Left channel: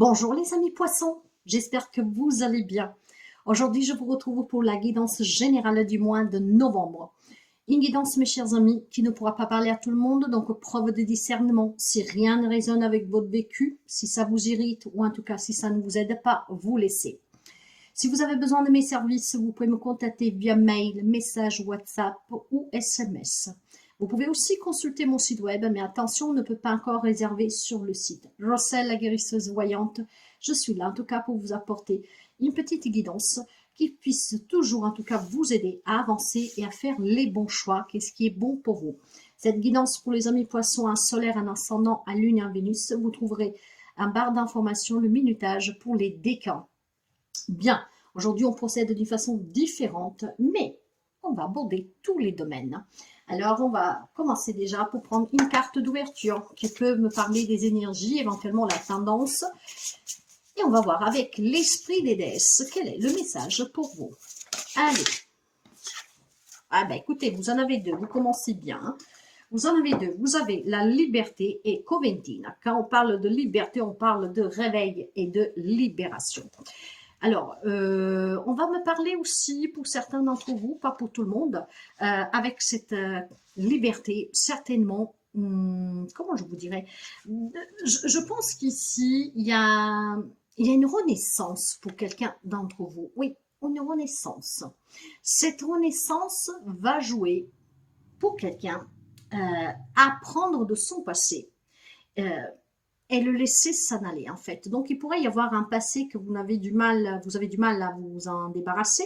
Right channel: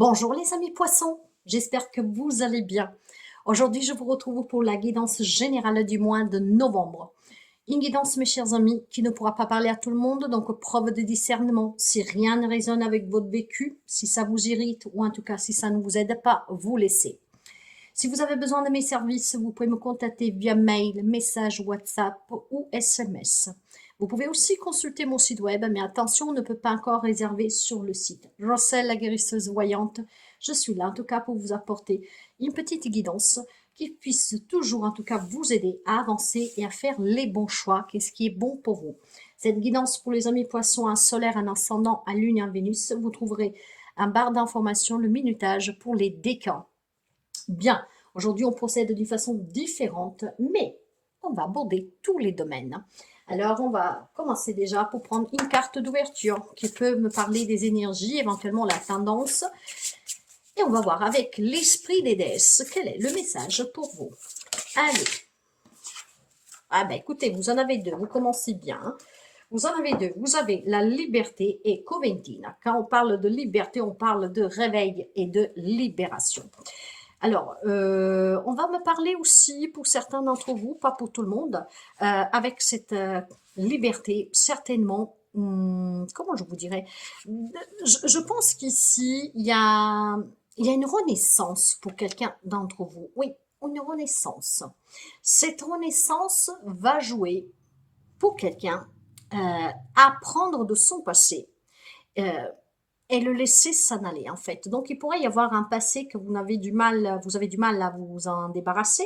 Bonjour les amis poissons, j'espère que vous allez bien. Aujourd'hui, je vous retrouve pour la guidance générale du mois de novembre. Une guidance, mes chers amis, qui ne pourra pas parler à tout le monde, donc preuve de discernement. Si rien ne résonne avec votre vécu, si ça vous irrite ou en tout cas si ça ne vous aide pas, vous laissez. Si vous avez besoin de mes services, vous pouvez me contacter via mail, message WhatsApp ou SMS. Vous pouvez aussi consulter mon site web, mais attention, on ne peut pas encore réserver sur le site. Roselle, la guérisseuse voyante, je suis là en tout cas pour vous apporter une petite guidance qui puisse toujours en tout cas vous aider à avancer et à faire les bons choix, qu'est-ce qui est bon pour vous. Cette guidance pour les amis poissons, un solaire, un ascendant, un lune, un Vénus, vous trouverez un barre d'informations, le minutage pour les décans. Bien, aujourd'hui on procède d'une façon différente, mais on va aborder tous les domaines. Alors on va commencer déjà pour prendre une carte d'ouverture qui peut me parler des énergies, éventuellement la tendance. Et on va voir avec l'esprit des déesses, quel est le message pour vous. Allez. Ah ben écoutez, vous en avez deux, vous commencez bien. Vous en avez deux. Vous avez la liberté et Coventina. Quand on parle de liberté, on parle de réveil et de libération. Alors, on va me parler aussi, pour certains d'entre vous, pas pour tout le monde, avec cette liberté, certainement, comment je vous dirais, je pense qu'ici, il y a une renaissance pour quelqu'un d'entre vous. Oui, une renaissance. Cette renaissance va jouer pour quelqu'un apprendre de son passé. Et le laisser s'en aller en fait. Donc il pourrait y avoir un passé que vous avez du mal à vous en débarrasser.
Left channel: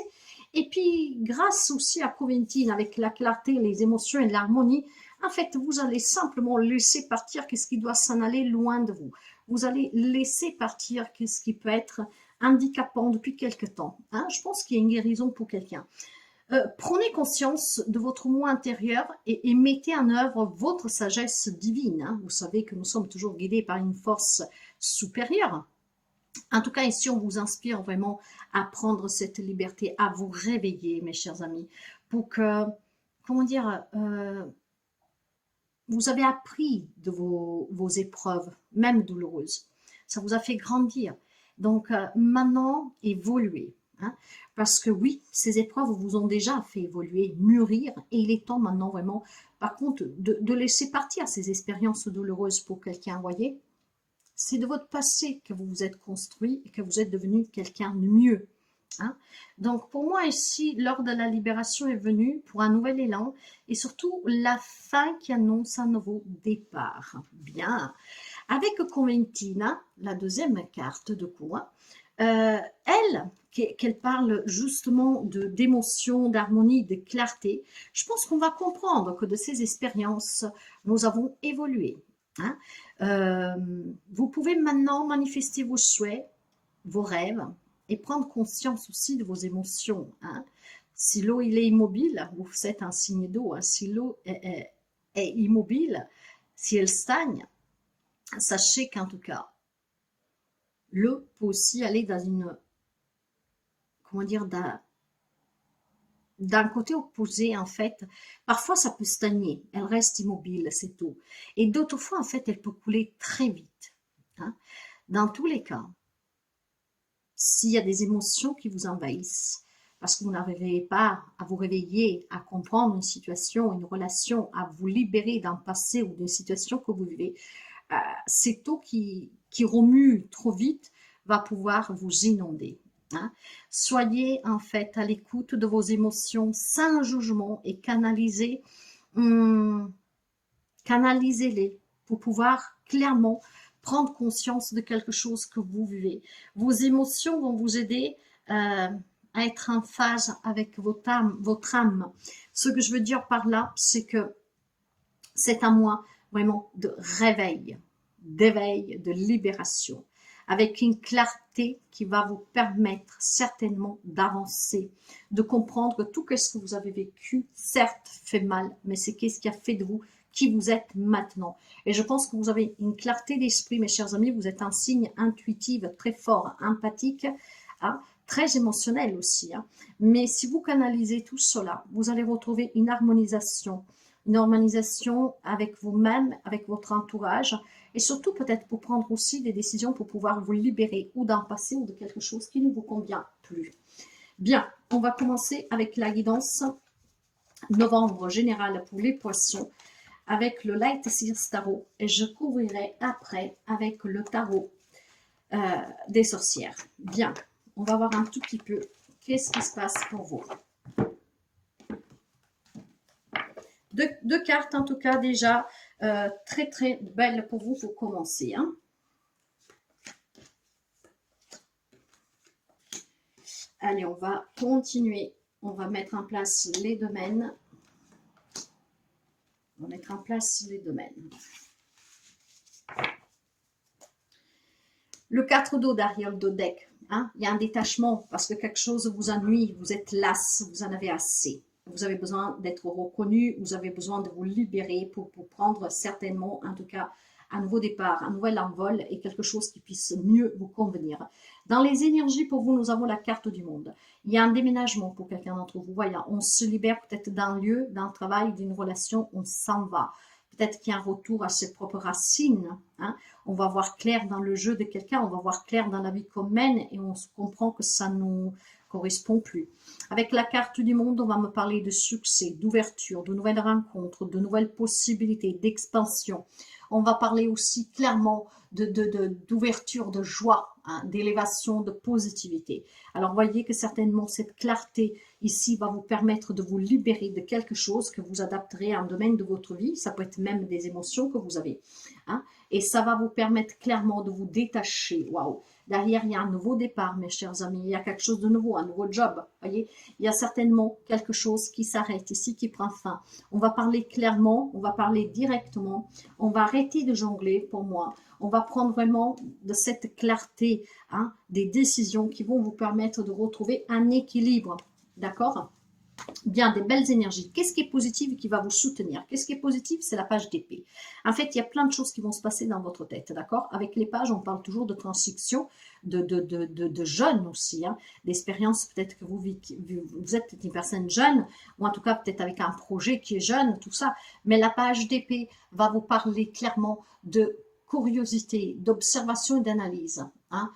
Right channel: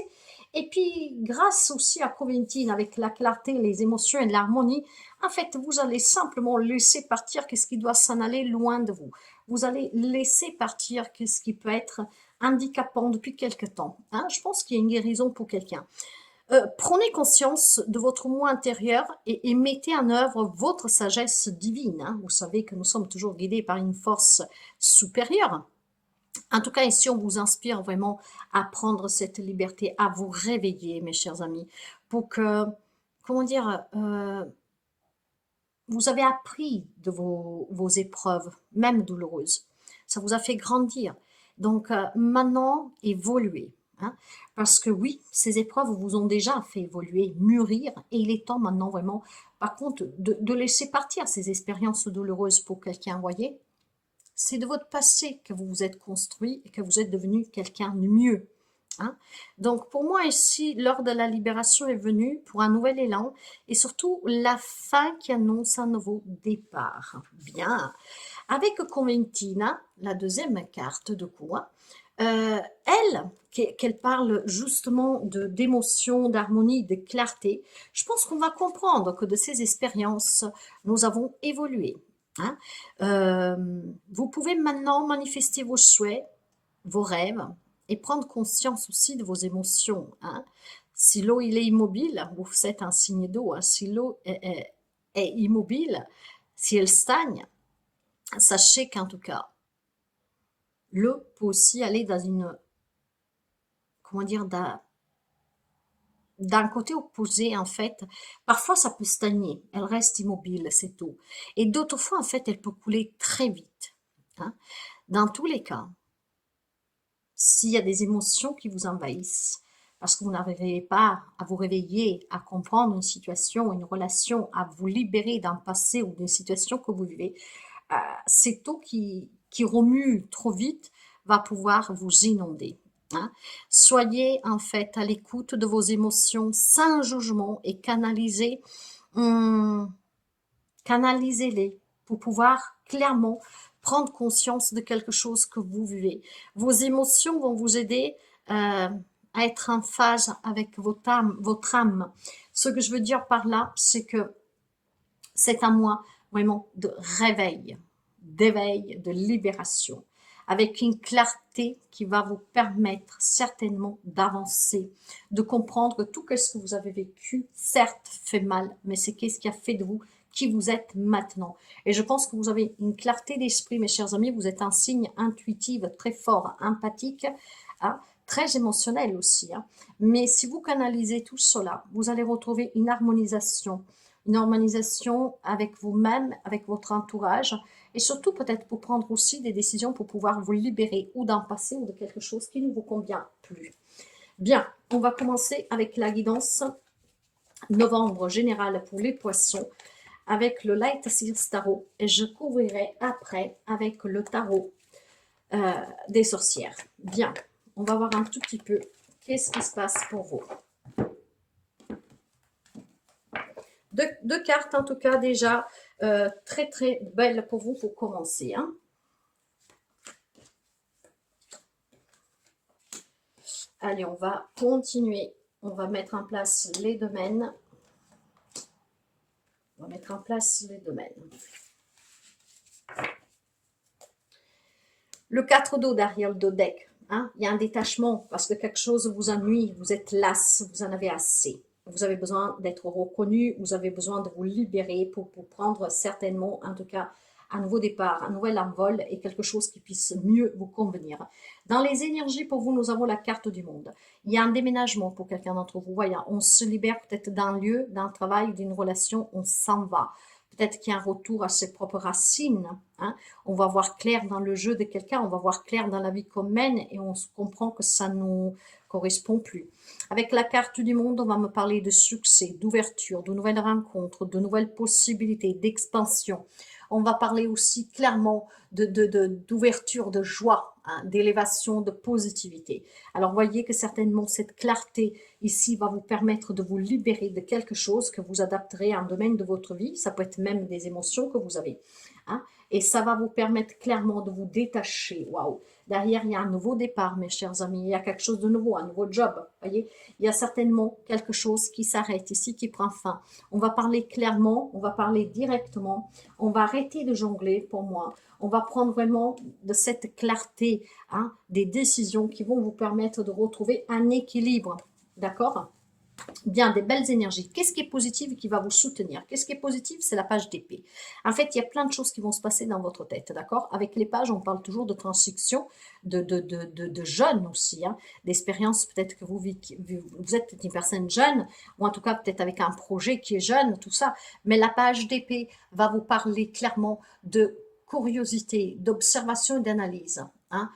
Et puis grâce aussi à Coventine, avec la clarté, les émotions et l'harmonie, en fait vous allez simplement laisser partir qu'est-ce qui doit s'en aller loin de vous. Vous allez laisser partir qu'est-ce qui peut être handicapant depuis quelque temps. Hein. Je pense qu'il y a une guérison pour quelqu'un. Prenez conscience de votre moi intérieur et mettez en œuvre votre sagesse divine. Hein. Vous savez que nous sommes toujours guidés par une force supérieure. En tout cas, ici, on vous inspire vraiment à prendre cette liberté, à vous réveiller, mes chers amis, pour que, comment dire, vous avez appris de vos épreuves, même douloureuses. Ça vous a fait grandir. Donc, maintenant, évoluez. Hein, parce que oui, ces épreuves vous ont déjà fait évoluer, mûrir, et il est temps maintenant vraiment, par contre, de laisser partir ces expériences douloureuses pour quelqu'un, voyez. C'est de votre passé que vous vous êtes construit et que vous êtes devenu quelqu'un de mieux. Hein. Donc pour moi ici, l'heure de la libération est venue pour un nouvel élan et surtout la fin qui annonce un nouveau départ. Bien. Avec Coventina, la deuxième carte de coup, elle, qu'elle parle justement d'émotion, d'harmonie, de clarté, je pense qu'on va comprendre que de ces expériences, nous avons évolué. Hein. Vous pouvez maintenant manifester vos souhaits, vos rêves, et prendre conscience aussi de vos émotions. Hein. Si l'eau il est immobile, vous faites un signe d'eau. Hein. Si l'eau est immobile, si elle stagne, sachez qu'en tout cas, l'eau peut aussi aller dans une, comment dire, d'un côté opposé, en fait. Parfois, ça peut stagner, elle reste immobile, cette eau. Et d'autres fois, en fait, elle peut couler très vite. Hein. Dans tous les cas, s'il y a des émotions qui vous envahissent, parce que vous n'arrivez pas à vous réveiller, à comprendre une situation, une relation, à vous libérer d'un passé ou d'une situation que vous vivez, cette eau qui remue trop vite va pouvoir vous inonder. Hein. Soyez en fait à l'écoute de vos émotions sans jugement et canalisez-les pour pouvoir clairement prendre conscience de quelque chose que vous vivez. Vos émotions vont vous aider à être en phase avec votre âme. Ce que je veux dire par là, c'est que c'est un mois vraiment de réveil, d'éveil, de libération, avec une clarté qui va vous permettre certainement d'avancer, de comprendre que tout ce que vous avez vécu, certes, fait mal, mais c'est qu'est-ce qui a fait de vous qui vous êtes maintenant. Et je pense que vous avez une clarté d'esprit, mes chers amis, vous êtes un signe intuitif très fort, empathique, hein, très émotionnel aussi. Hein. Mais si vous canalisez tout cela, vous allez retrouver une harmonisation avec vous-même, avec votre entourage, et surtout peut-être pour prendre aussi des décisions pour pouvoir vous libérer ou d'un passé ou de quelque chose qui ne vous convient plus. Bien, on va commencer avec la guidance novembre générale pour les poissons avec le Light Seers Tarot et je couvrirai après avec le tarot des sorcières. Bien, on va voir un tout petit peu qu'est-ce qui se passe pour vous. Deux cartes en tout cas déjà très très belles pour vous pour commencer. Hein. Allez, on va continuer. On va mettre en place les domaines. On va mettre en place les domaines. Le 4 d'eau derrière le dos deck. Hein, il y a un détachement parce que quelque chose vous ennuie, vous êtes lasse, vous en avez assez. Vous avez besoin d'être reconnu, vous avez besoin de vous libérer pour prendre certainement, en tout cas, un nouveau départ, un nouvel envol et quelque chose qui puisse mieux vous convenir. Dans les énergies, pour vous, nous avons la carte du monde. Il y a un déménagement pour quelqu'un d'entre vous. Voyez, on se libère peut-être d'un lieu, d'un travail, d'une relation, on s'en va. Peut-être qu'il y a un retour à ses propres racines. Hein. On va voir clair dans le jeu de quelqu'un, on va voir clair dans la vie qu'on mène et on se comprend que ça nous correspond plus. Avec la carte du monde, on va me parler de succès, d'ouverture, de nouvelles rencontres, de nouvelles possibilités, d'expansion. On va parler aussi clairement d'ouverture, de joie, hein, d'élévation, de positivité. Alors, voyez que certainement cette clarté ici va vous permettre de vous libérer de quelque chose que vous adapterez à un domaine de votre vie. Ça peut être même des émotions que vous avez. Hein, et ça va vous permettre clairement de vous détacher. Waouh! Derrière, il y a un nouveau départ, mes chers amis. Il y a quelque chose de nouveau, un nouveau job. Voyez, il y a certainement quelque chose qui s'arrête ici, qui prend fin. On va parler clairement, on va parler directement. On va arrêter de jongler pour moi. On va prendre vraiment de cette clarté, hein, des décisions qui vont vous permettre de retrouver un équilibre. D'accord ? Bien, des belles énergies. Qu'est-ce qui est positif et qui va vous soutenir? Qu'est-ce qui est positif? C'est la page d'épée. En fait, il y a plein de choses qui vont se passer dans votre tête, d'accord? Avec les pages, on parle toujours de transition, de jeunes aussi, hein, d'expérience peut-être que vous êtes une personne jeune, ou en tout cas peut-être avec un projet qui est jeune, tout ça. Mais la page d'épée va vous parler clairement de curiosité, d'observation et d'analyse. Hein.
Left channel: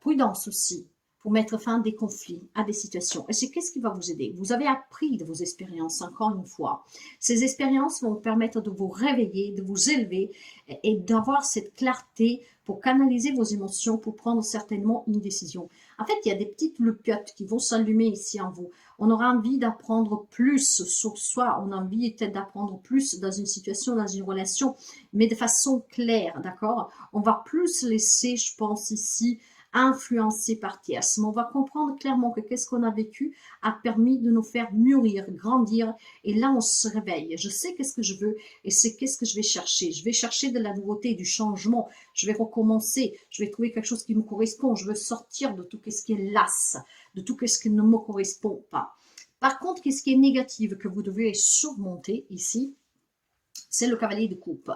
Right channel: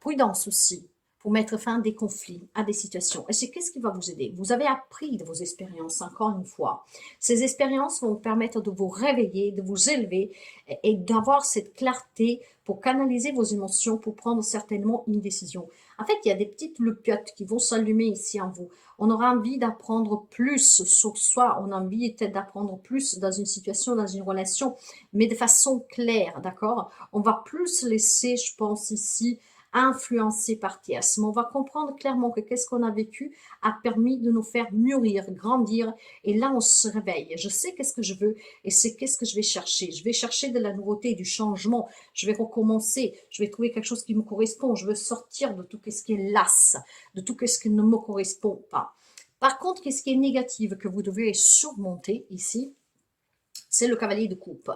Prudence aussi, pour mettre fin à des conflits, à des situations. Et c'est qu'est-ce qui va vous aider? Vous avez appris de vos expériences, encore une fois. Ces expériences vont vous permettre de vous réveiller, de vous élever et d'avoir cette clarté pour canaliser vos émotions, pour prendre certainement une décision. En fait, il y a des petites loupiottes qui vont s'allumer ici en vous. On aura envie d'apprendre plus sur soi, on a envie peut-être d'apprendre plus dans une situation, dans une relation, mais de façon claire, d'accord? On va plus laisser, je pense ici, influencé par qui. À ce moment, on va comprendre clairement que qu'est-ce qu'on a vécu a permis de nous faire mûrir, grandir. Et là, on se réveille. Je sais qu'est-ce que je veux et c'est qu'est-ce que je vais chercher. Je vais chercher de la nouveauté, du changement. Je vais recommencer. Je vais trouver quelque chose qui me correspond. Je veux sortir de tout ce qui est lasse, de tout ce qui ne me correspond pas. Par contre, qu'est-ce qui est négatif que vous devez surmonter ici? C'est le cavalier de coupe.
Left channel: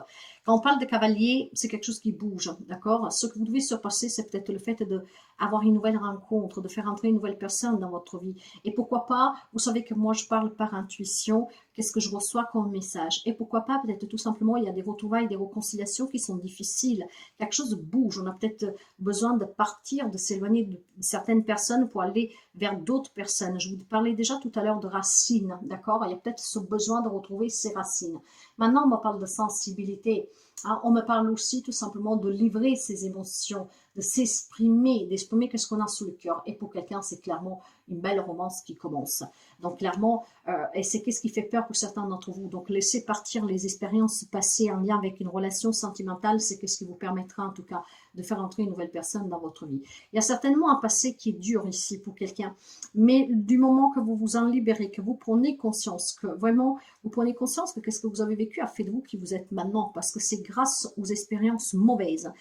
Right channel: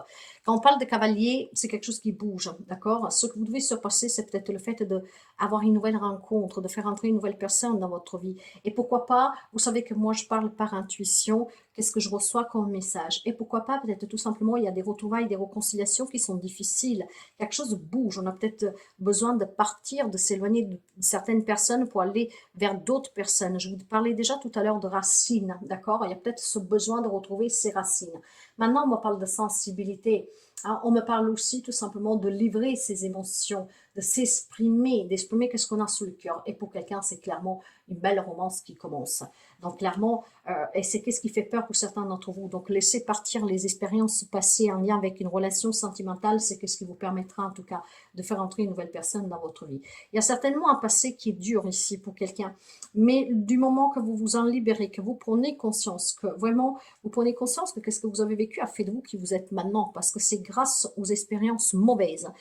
Quand on parle de cavalier, c'est quelque chose qui bouge, d'accord? Ce que vous devez surpasser, c'est peut-être le fait d'avoir une nouvelle rencontre, de faire entrer une nouvelle personne dans votre vie. Et pourquoi pas, vous savez que moi, je parle par intuition, qu'est-ce que je reçois comme message? Et pourquoi pas, peut-être tout simplement, il y a des retrouvailles, des réconciliations qui sont difficiles. Quelque chose bouge, on a peut-être besoin de partir, de s'éloigner de certaines personnes pour aller vers d'autres personnes. Je vous parlais déjà tout à l'heure de racines, d'accord? Il y a peut-être ce besoin de retrouver ses racines. Maintenant, on me parle de sensibilité. Alors, on me parle aussi tout simplement de livrer ses émotions, de s'exprimer, d'exprimer ce qu'on a sous le cœur. Et pour quelqu'un, c'est clairement une belle romance qui commence. Donc clairement, et c'est qu'est-ce qui fait peur pour certains d'entre vous. Donc laissez partir les expériences passées en lien avec une relation sentimentale, c'est qu'est-ce qui vous permettra en tout cas de faire entrer une nouvelle personne dans votre vie. Il y a certainement un passé qui est dur ici pour quelqu'un, mais du moment que vous vous en libérez, que vous prenez conscience, que vraiment vous prenez conscience que qu'est-ce que vous avez vécu a fait de vous qui vous êtes maintenant, parce que c'est grâce aux expériences mauvaises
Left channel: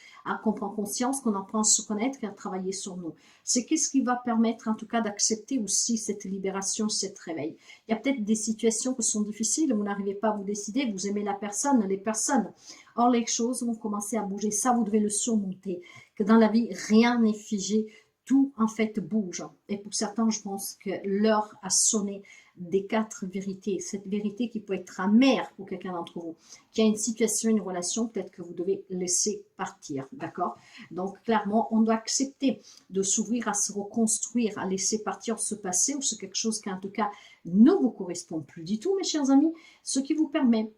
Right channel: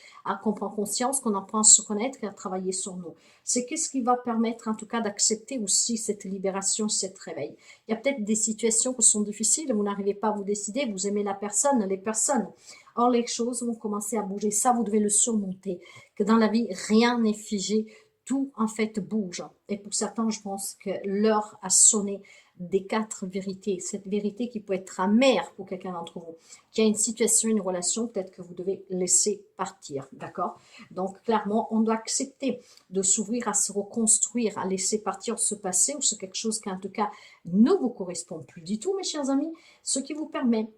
qu'on prend conscience, qu'on apprend à se connaître et à travailler sur nous. C'est qu'est-ce qui va permettre en tout cas d'accepter aussi cette libération, cette réveil. Il y a peut-être des situations qui sont difficiles, vous n'arrivez pas à vous décider, vous aimez la personne, les personnes. Or, les choses vont commencer à bouger. Ça, vous devez le surmonter. Que dans la vie, rien n'est figé. tout en fait bouge. Et pour certains, je pense que l'heure a sonné des 4 vérités. Cette vérité qui peut être amère pour quelqu'un d'entre vous, qui a une situation, une relation, peut-être que vous devez laisser partir, d'accord? Donc clairement, on doit accepter de s'ouvrir à se reconstruire, à laisser partir ce passé ou ce quelque chose qui en tout cas ne vous correspond plus du tout, mes chers amis, ce qui vous permet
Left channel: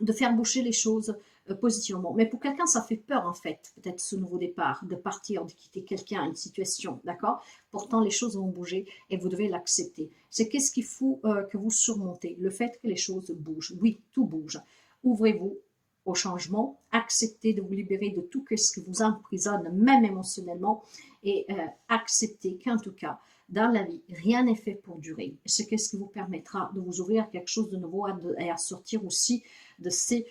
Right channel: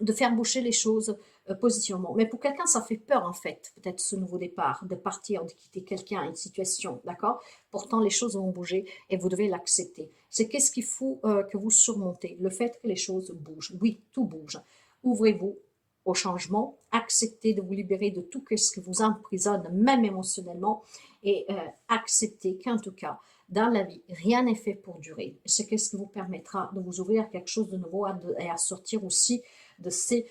de faire bouger les choses positivement. Mais pour quelqu'un, ça fait peur en fait, peut-être ce nouveau départ, de partir, de quitter quelqu'un, une situation, d'accord? Pourtant, les choses vont bouger et vous devez l'accepter. C'est qu'est-ce qu'il faut que vous surmontez? Le fait que les choses bougent. Oui, tout bouge. Ouvrez-vous au changement, acceptez de vous libérer de tout ce qui vous emprisonne, même émotionnellement, et acceptez qu'en tout cas, dans la vie, rien n'est fait pour durer. C'est ce qui vous permettra de vous ouvrir à quelque chose de nouveau et à sortir aussi de ces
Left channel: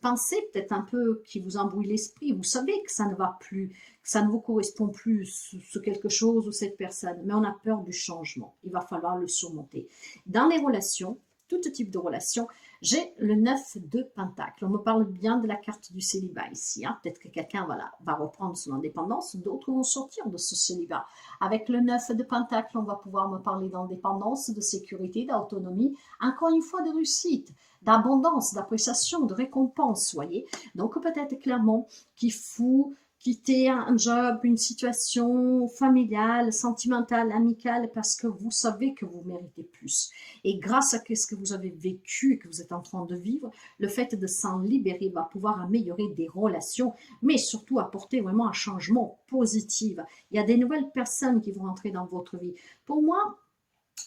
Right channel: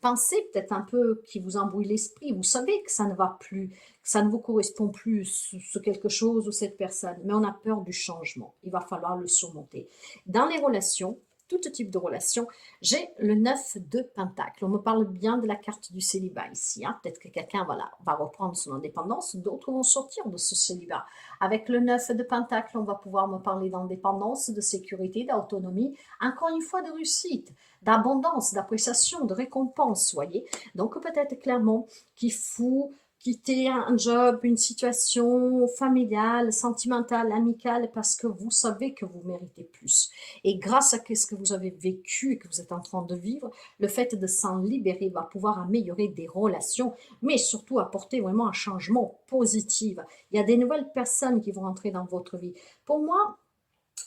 pensées peut-être un peu qui vous embrouillent l'esprit. Vous savez que ça ne va plus, que ça ne vous correspond plus, ce quelque chose ou cette personne, mais on a peur du changement. Il va falloir le surmonter. Dans les relations, tout type de relation, j'ai le 9 de Pentacle. On me parle bien de la carte du célibat ici. Hein. Peut-être que quelqu'un va reprendre son indépendance, d'autres vont sortir de ce célibat. Avec le 9 de Pentacle, on va pouvoir me parler d'indépendance, de sécurité, d'autonomie, encore une fois de réussite, d'abondance, d'appréciation, de récompense, voyez. Donc peut-être clairement qu'il faut quitter un job, une situation familiale, sentimentale, amicale, parce que vous savez que vous méritez plus. Et grâce à ce que vous avez vécu et que vous êtes en train de vivre, le fait de s'en libérer va pouvoir améliorer des relations, mais surtout apporter vraiment un changement positif. Il y a des nouvelles personnes qui vont entrer dans votre vie. Pour moi,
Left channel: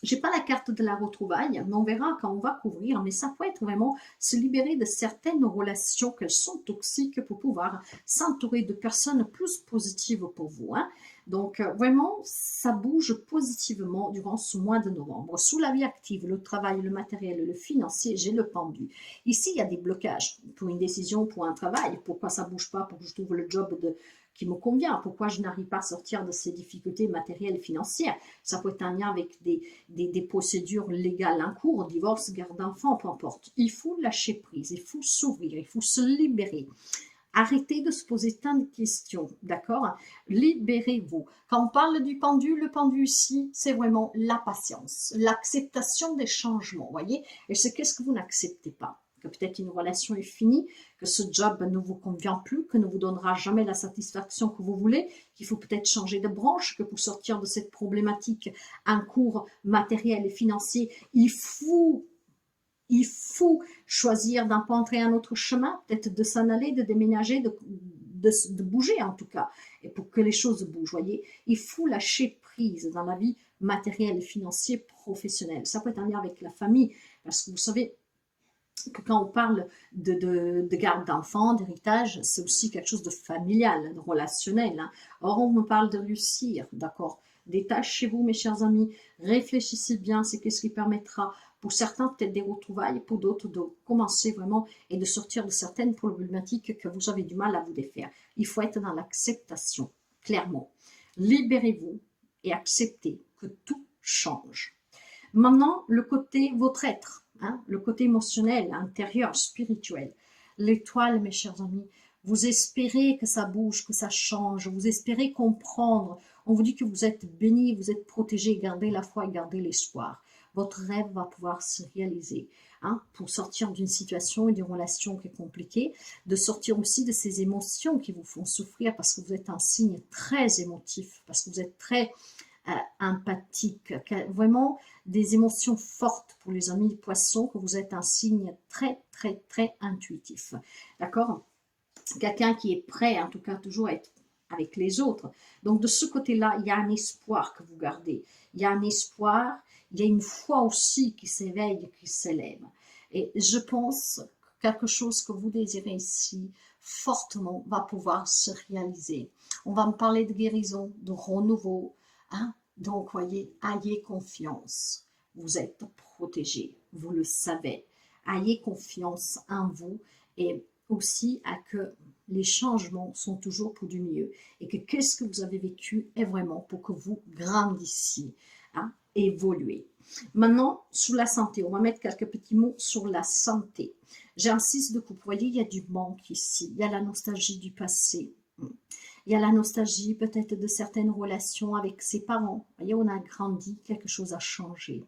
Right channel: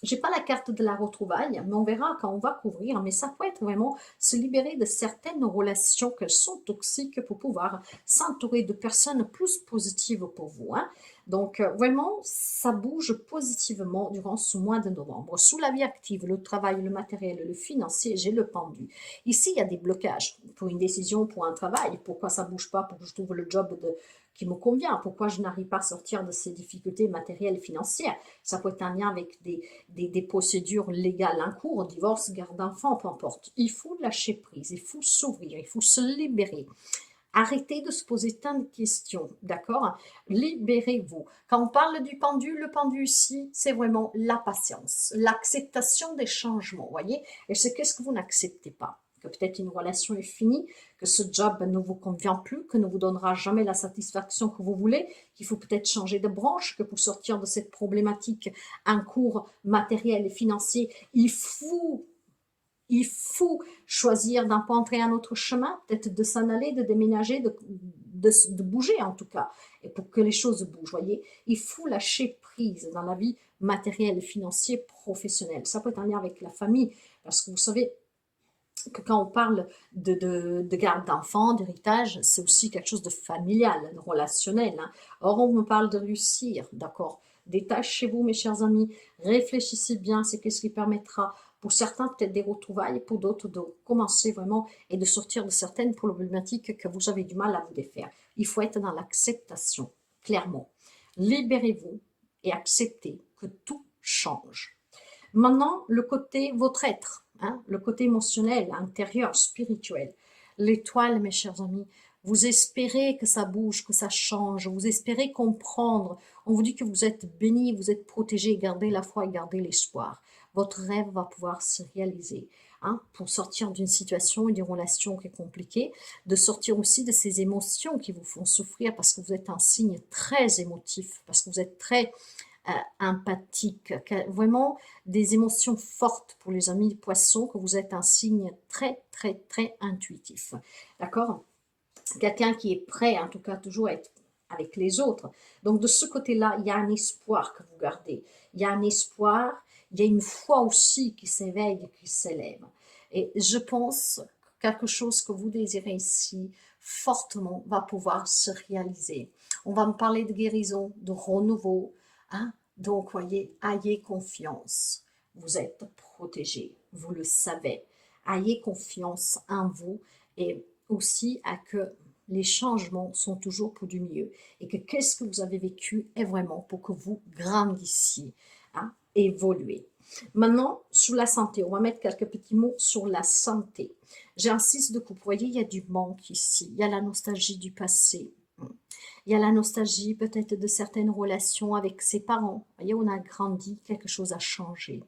j'ai pas la carte de la retrouvaille, mais on verra quand on va couvrir. Mais ça peut être vraiment se libérer de certaines relations qu'elles sont toxiques pour pouvoir s'entourer de personnes plus positives pour vous. Hein. Donc vraiment, ça bouge positivement durant ce mois de novembre. Sous la vie active, le travail, le matériel, le financier, j'ai le pendu. Ici, il y a des blocages pour une décision, pour un travail. Pourquoi ça bouge pas? Pour que je trouve le job qui me convient. Pourquoi je n'arrive pas à sortir de ces difficultés matérielles et financières? Ça peut être un lien avec des procédures légales en cours, divorce, garde d'enfants, peu importe. Il faut lâcher prise, il faut s'ouvrir, il faut se libérer. Arrêtez de se poser tant de questions, d'accord? Libérez-vous. Quand on parle du pendu, le pendu ici, c'est vraiment la patience, l'acceptation des changements, voyez? Et c'est qu'est-ce que vous n'acceptez pas? Que peut-être une relation est finie, que ce job ne vous convient plus, que ne vous donnera jamais la satisfaction que vous voulez, qu'il faut peut-être changer de branche, que pour sortir de cette problématique en cours matériel et financier, il faut choisir d'un point entrer un autre chemin, peut-être de s'en aller, de déménager, de bouger en tout cas, et pour que les choses bougent, voyez. Il faut lâcher prise dans la vie matérielle, financière, professionnelle. Ça peut être un lien avec la famille, parce que vous savez que quand on parle de garde d'enfants, d'héritage, c'est aussi quelque chose de familial, de relationnel. Hein. Or, on me parle de réussir, d'accord? Détachez-vous, mes chers amis, réfléchissez bien, c'est qu'est-ce qui permettra pour certains peut-être des retrouvailles, pour d'autres de commencer vraiment et de sortir de certaines problématiques que vous avez du mal à vous défaire. Il faut être dans l'acceptation, clairement. Libérez-vous et acceptez que tout change. Maintenant, le côté, votre être, hein, le côté émotionnel, intérieur, spirituel. L'étoile, mes chers amis, vous espérez que ça bouge, que ça change, vous espérez comprendre. On vous dit que vous êtes béni, vous êtes protégé, gardez la foi et gardez l'espoir. Votre rêve va pouvoir se réaliser. Hein, pour sortir d'une situation et d'une relation qui est compliquée, de sortir aussi de ces émotions qui vous font souffrir parce que vous êtes un signe très émotif, parce que vous êtes très empathique, vraiment des émotions fortes pour les amis poissons, que vous êtes un signe très, très, très intuitif. D'accord? Quelqu'un qui est prêt, en tout cas, toujours à être avec les autres. Donc, de ce côté-là, il y a un espoir que vous gardez. Il y a un espoir, il y a une foi aussi qui s'éveille, qui s'élève. Et je pense que quelque chose que vous désirez ici, fortement, va pouvoir se réaliser. On va me parler de guérison, de renouveau. Hein? Donc, voyez, ayez confiance. Vous êtes protégé, vous le savez. Ayez confiance en vous et aussi à que les changements sont toujours pour du mieux et que qu'est-ce que vous avez vécu est vraiment pour que vous grandissiez, hein, évoluez. Maintenant, sur la santé, on va mettre quelques petits mots sur la santé. J'ai un 6 de coupe, vous voyez, il y a du manque ici, il y a la nostalgie du passé. Il y a la nostalgie peut-être de certaines relations avec ses parents. Vous voyez, on a grandi, quelque chose a changé.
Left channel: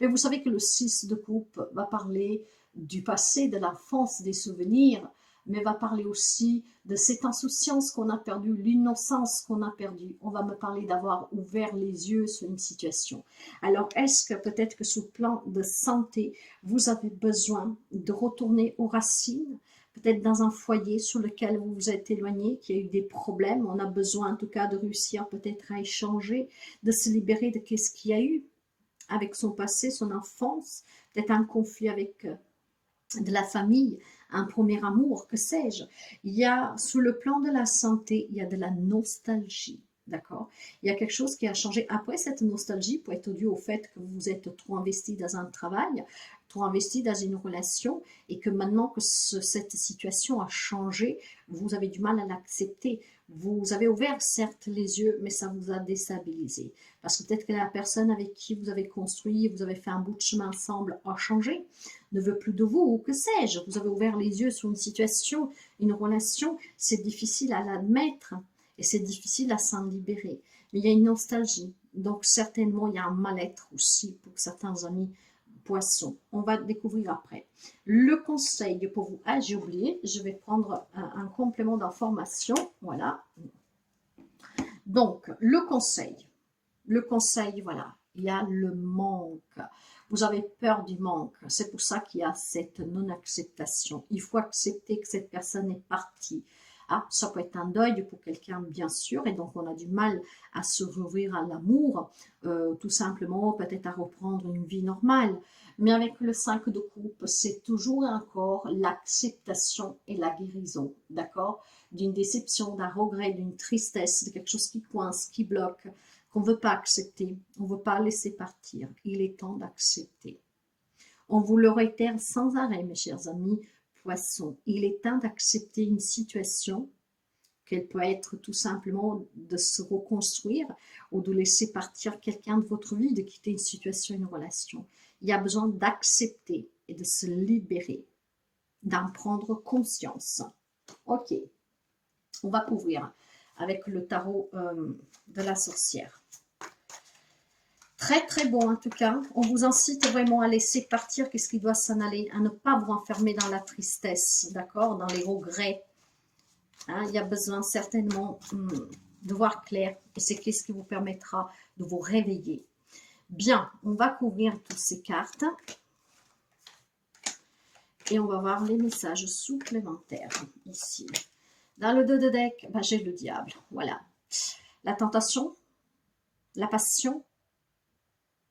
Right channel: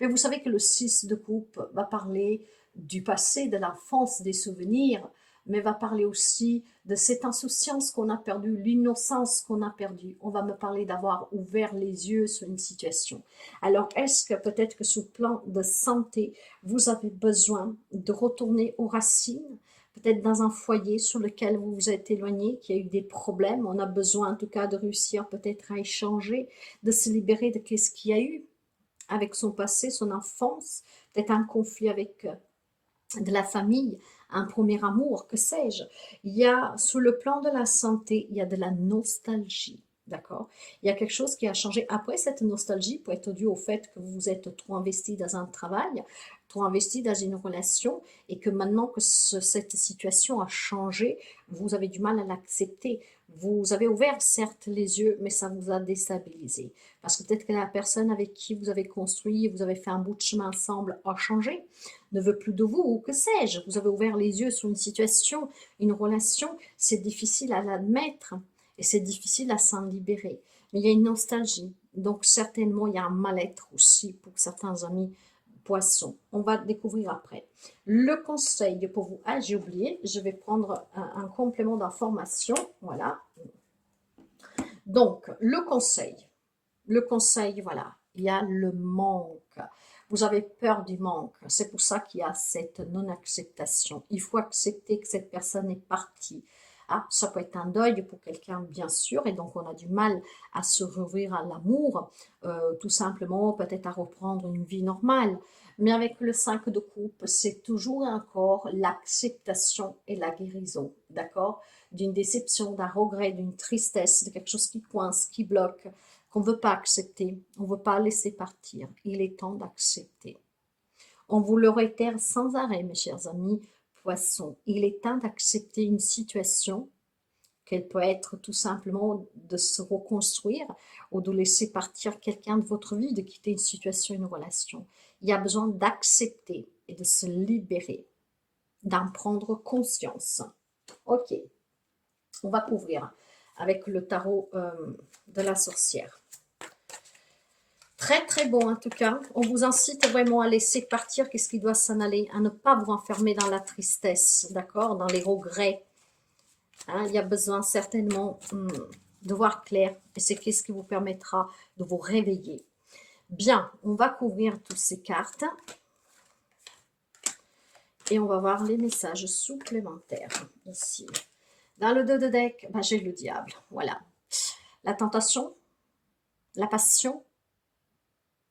Mais vous savez que le 6 de coupe va parler du passé, de l'enfance, des souvenirs, mais va parler aussi de cette insouciance qu'on a perdue, l'innocence qu'on a perdue. On va me parler d'avoir ouvert les yeux sur une situation. Alors, est-ce que peut-être que sous le plan de santé, vous avez besoin de retourner aux racines, peut-être dans un foyer sur lequel vous vous êtes éloigné, qui a eu des problèmes, on a besoin en tout cas de réussir peut-être à échanger, de se libérer de qu'est-ce qu'il y a eu avec son passé, son enfance, peut-être un conflit avec de la famille, un premier amour, que sais-je. Il y a, sous le plan de la santé, il y a de la nostalgie. D'accord. Il y a quelque chose qui a changé. Après, cette nostalgie peut être due au fait que vous vous êtes trop investi dans un travail, trop investi dans une relation, et que maintenant que cette situation a changé, vous avez du mal à l'accepter. Vous avez ouvert certes les yeux, mais ça vous a déstabilisé. Parce que peut-être que la personne avec qui vous avez construit, vous avez fait un bout de chemin ensemble, a changé, ne veut plus de vous, ou que sais-je. Vous avez ouvert les yeux sur une situation, une relation, c'est difficile à l'admettre et c'est difficile à s'en libérer. Mais il y a une nostalgie. Donc certainement, il y a un mal-être aussi pour certains amis poissons. On va découvrir après. Le conseil pour vous, ah j'ai oublié, je vais prendre un complément d'information. Voilà. Donc, le conseil, voilà, il y a le manque. Vous avez peur du manque. C'est pour ça qu'il y a cette non-acceptation. Il faut accepter que cette personne est partie. Ah, ça peut être un deuil pour quelqu'un, bien sûr, et donc on a du mal à se rouvrir à l'amour, tout simplement, peut-être à reprendre une vie normale. Mais avec le 5 de coupe, c'est toujours et encore l'acceptation et la guérison, d'accord? D'une déception, d'un regret, d'une tristesse, de quelque chose qui coince, qui bloque, qu'on ne veut pas accepter, on ne veut pas laisser partir. Il est temps d'accepter. On vous le réitère sans arrêt, mes chers amis poissons. Il est temps d'accepter une situation, qu'elle peut être tout simplement de se reconstruire ou de laisser partir quelqu'un de votre vie, de quitter une situation, une relation. Il y a besoin d'accepter et de se libérer, d'en prendre conscience. Ok, on va couvrir avec le tarot de la sorcière. Très très bon en tout cas. On vous incite vraiment à laisser partir qu'est-ce qui doit s'en aller, à ne pas vous enfermer dans la tristesse, d'accord, dans les regrets. Hein, il y a besoin certainement de voir clair et c'est qu'est-ce qui vous permettra de vous réveiller. Bien, on va couvrir toutes ces cartes et on va voir les messages supplémentaires ici. Dans le dos de deck, ben, j'ai le diable, voilà. La tentation, la passion,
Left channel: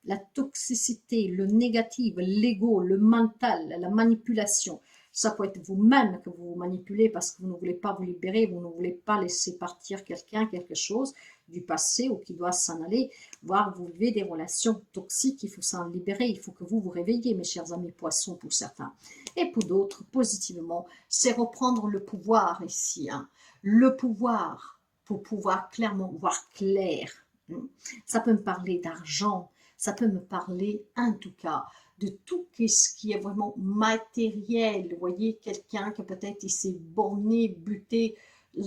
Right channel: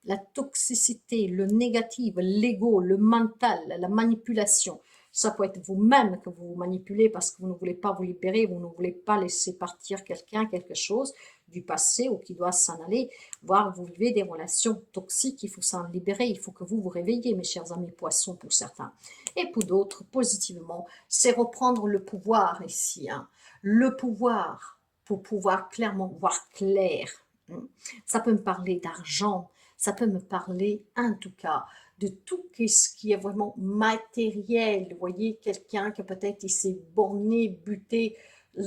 la toxicité, le négatif, l'ego, le mental, la manipulation. Ça peut être vous-même que vous vous manipulez parce que vous ne voulez pas vous libérer, vous ne voulez pas laisser partir quelqu'un, quelque chose du passé ou qui doit s'en aller, voire vous vivez des relations toxiques, il faut s'en libérer, il faut que vous vous réveillez, mes chers amis poissons, pour certains. Et pour d'autres, positivement, c'est reprendre le pouvoir ici, hein. Le pouvoir, pour pouvoir clairement voir clair. Ça peut me parler d'argent, ça peut me parler, en tout cas, de tout ce qui est vraiment matériel. Vous voyez, quelqu'un qui peut-être il s'est borné, buté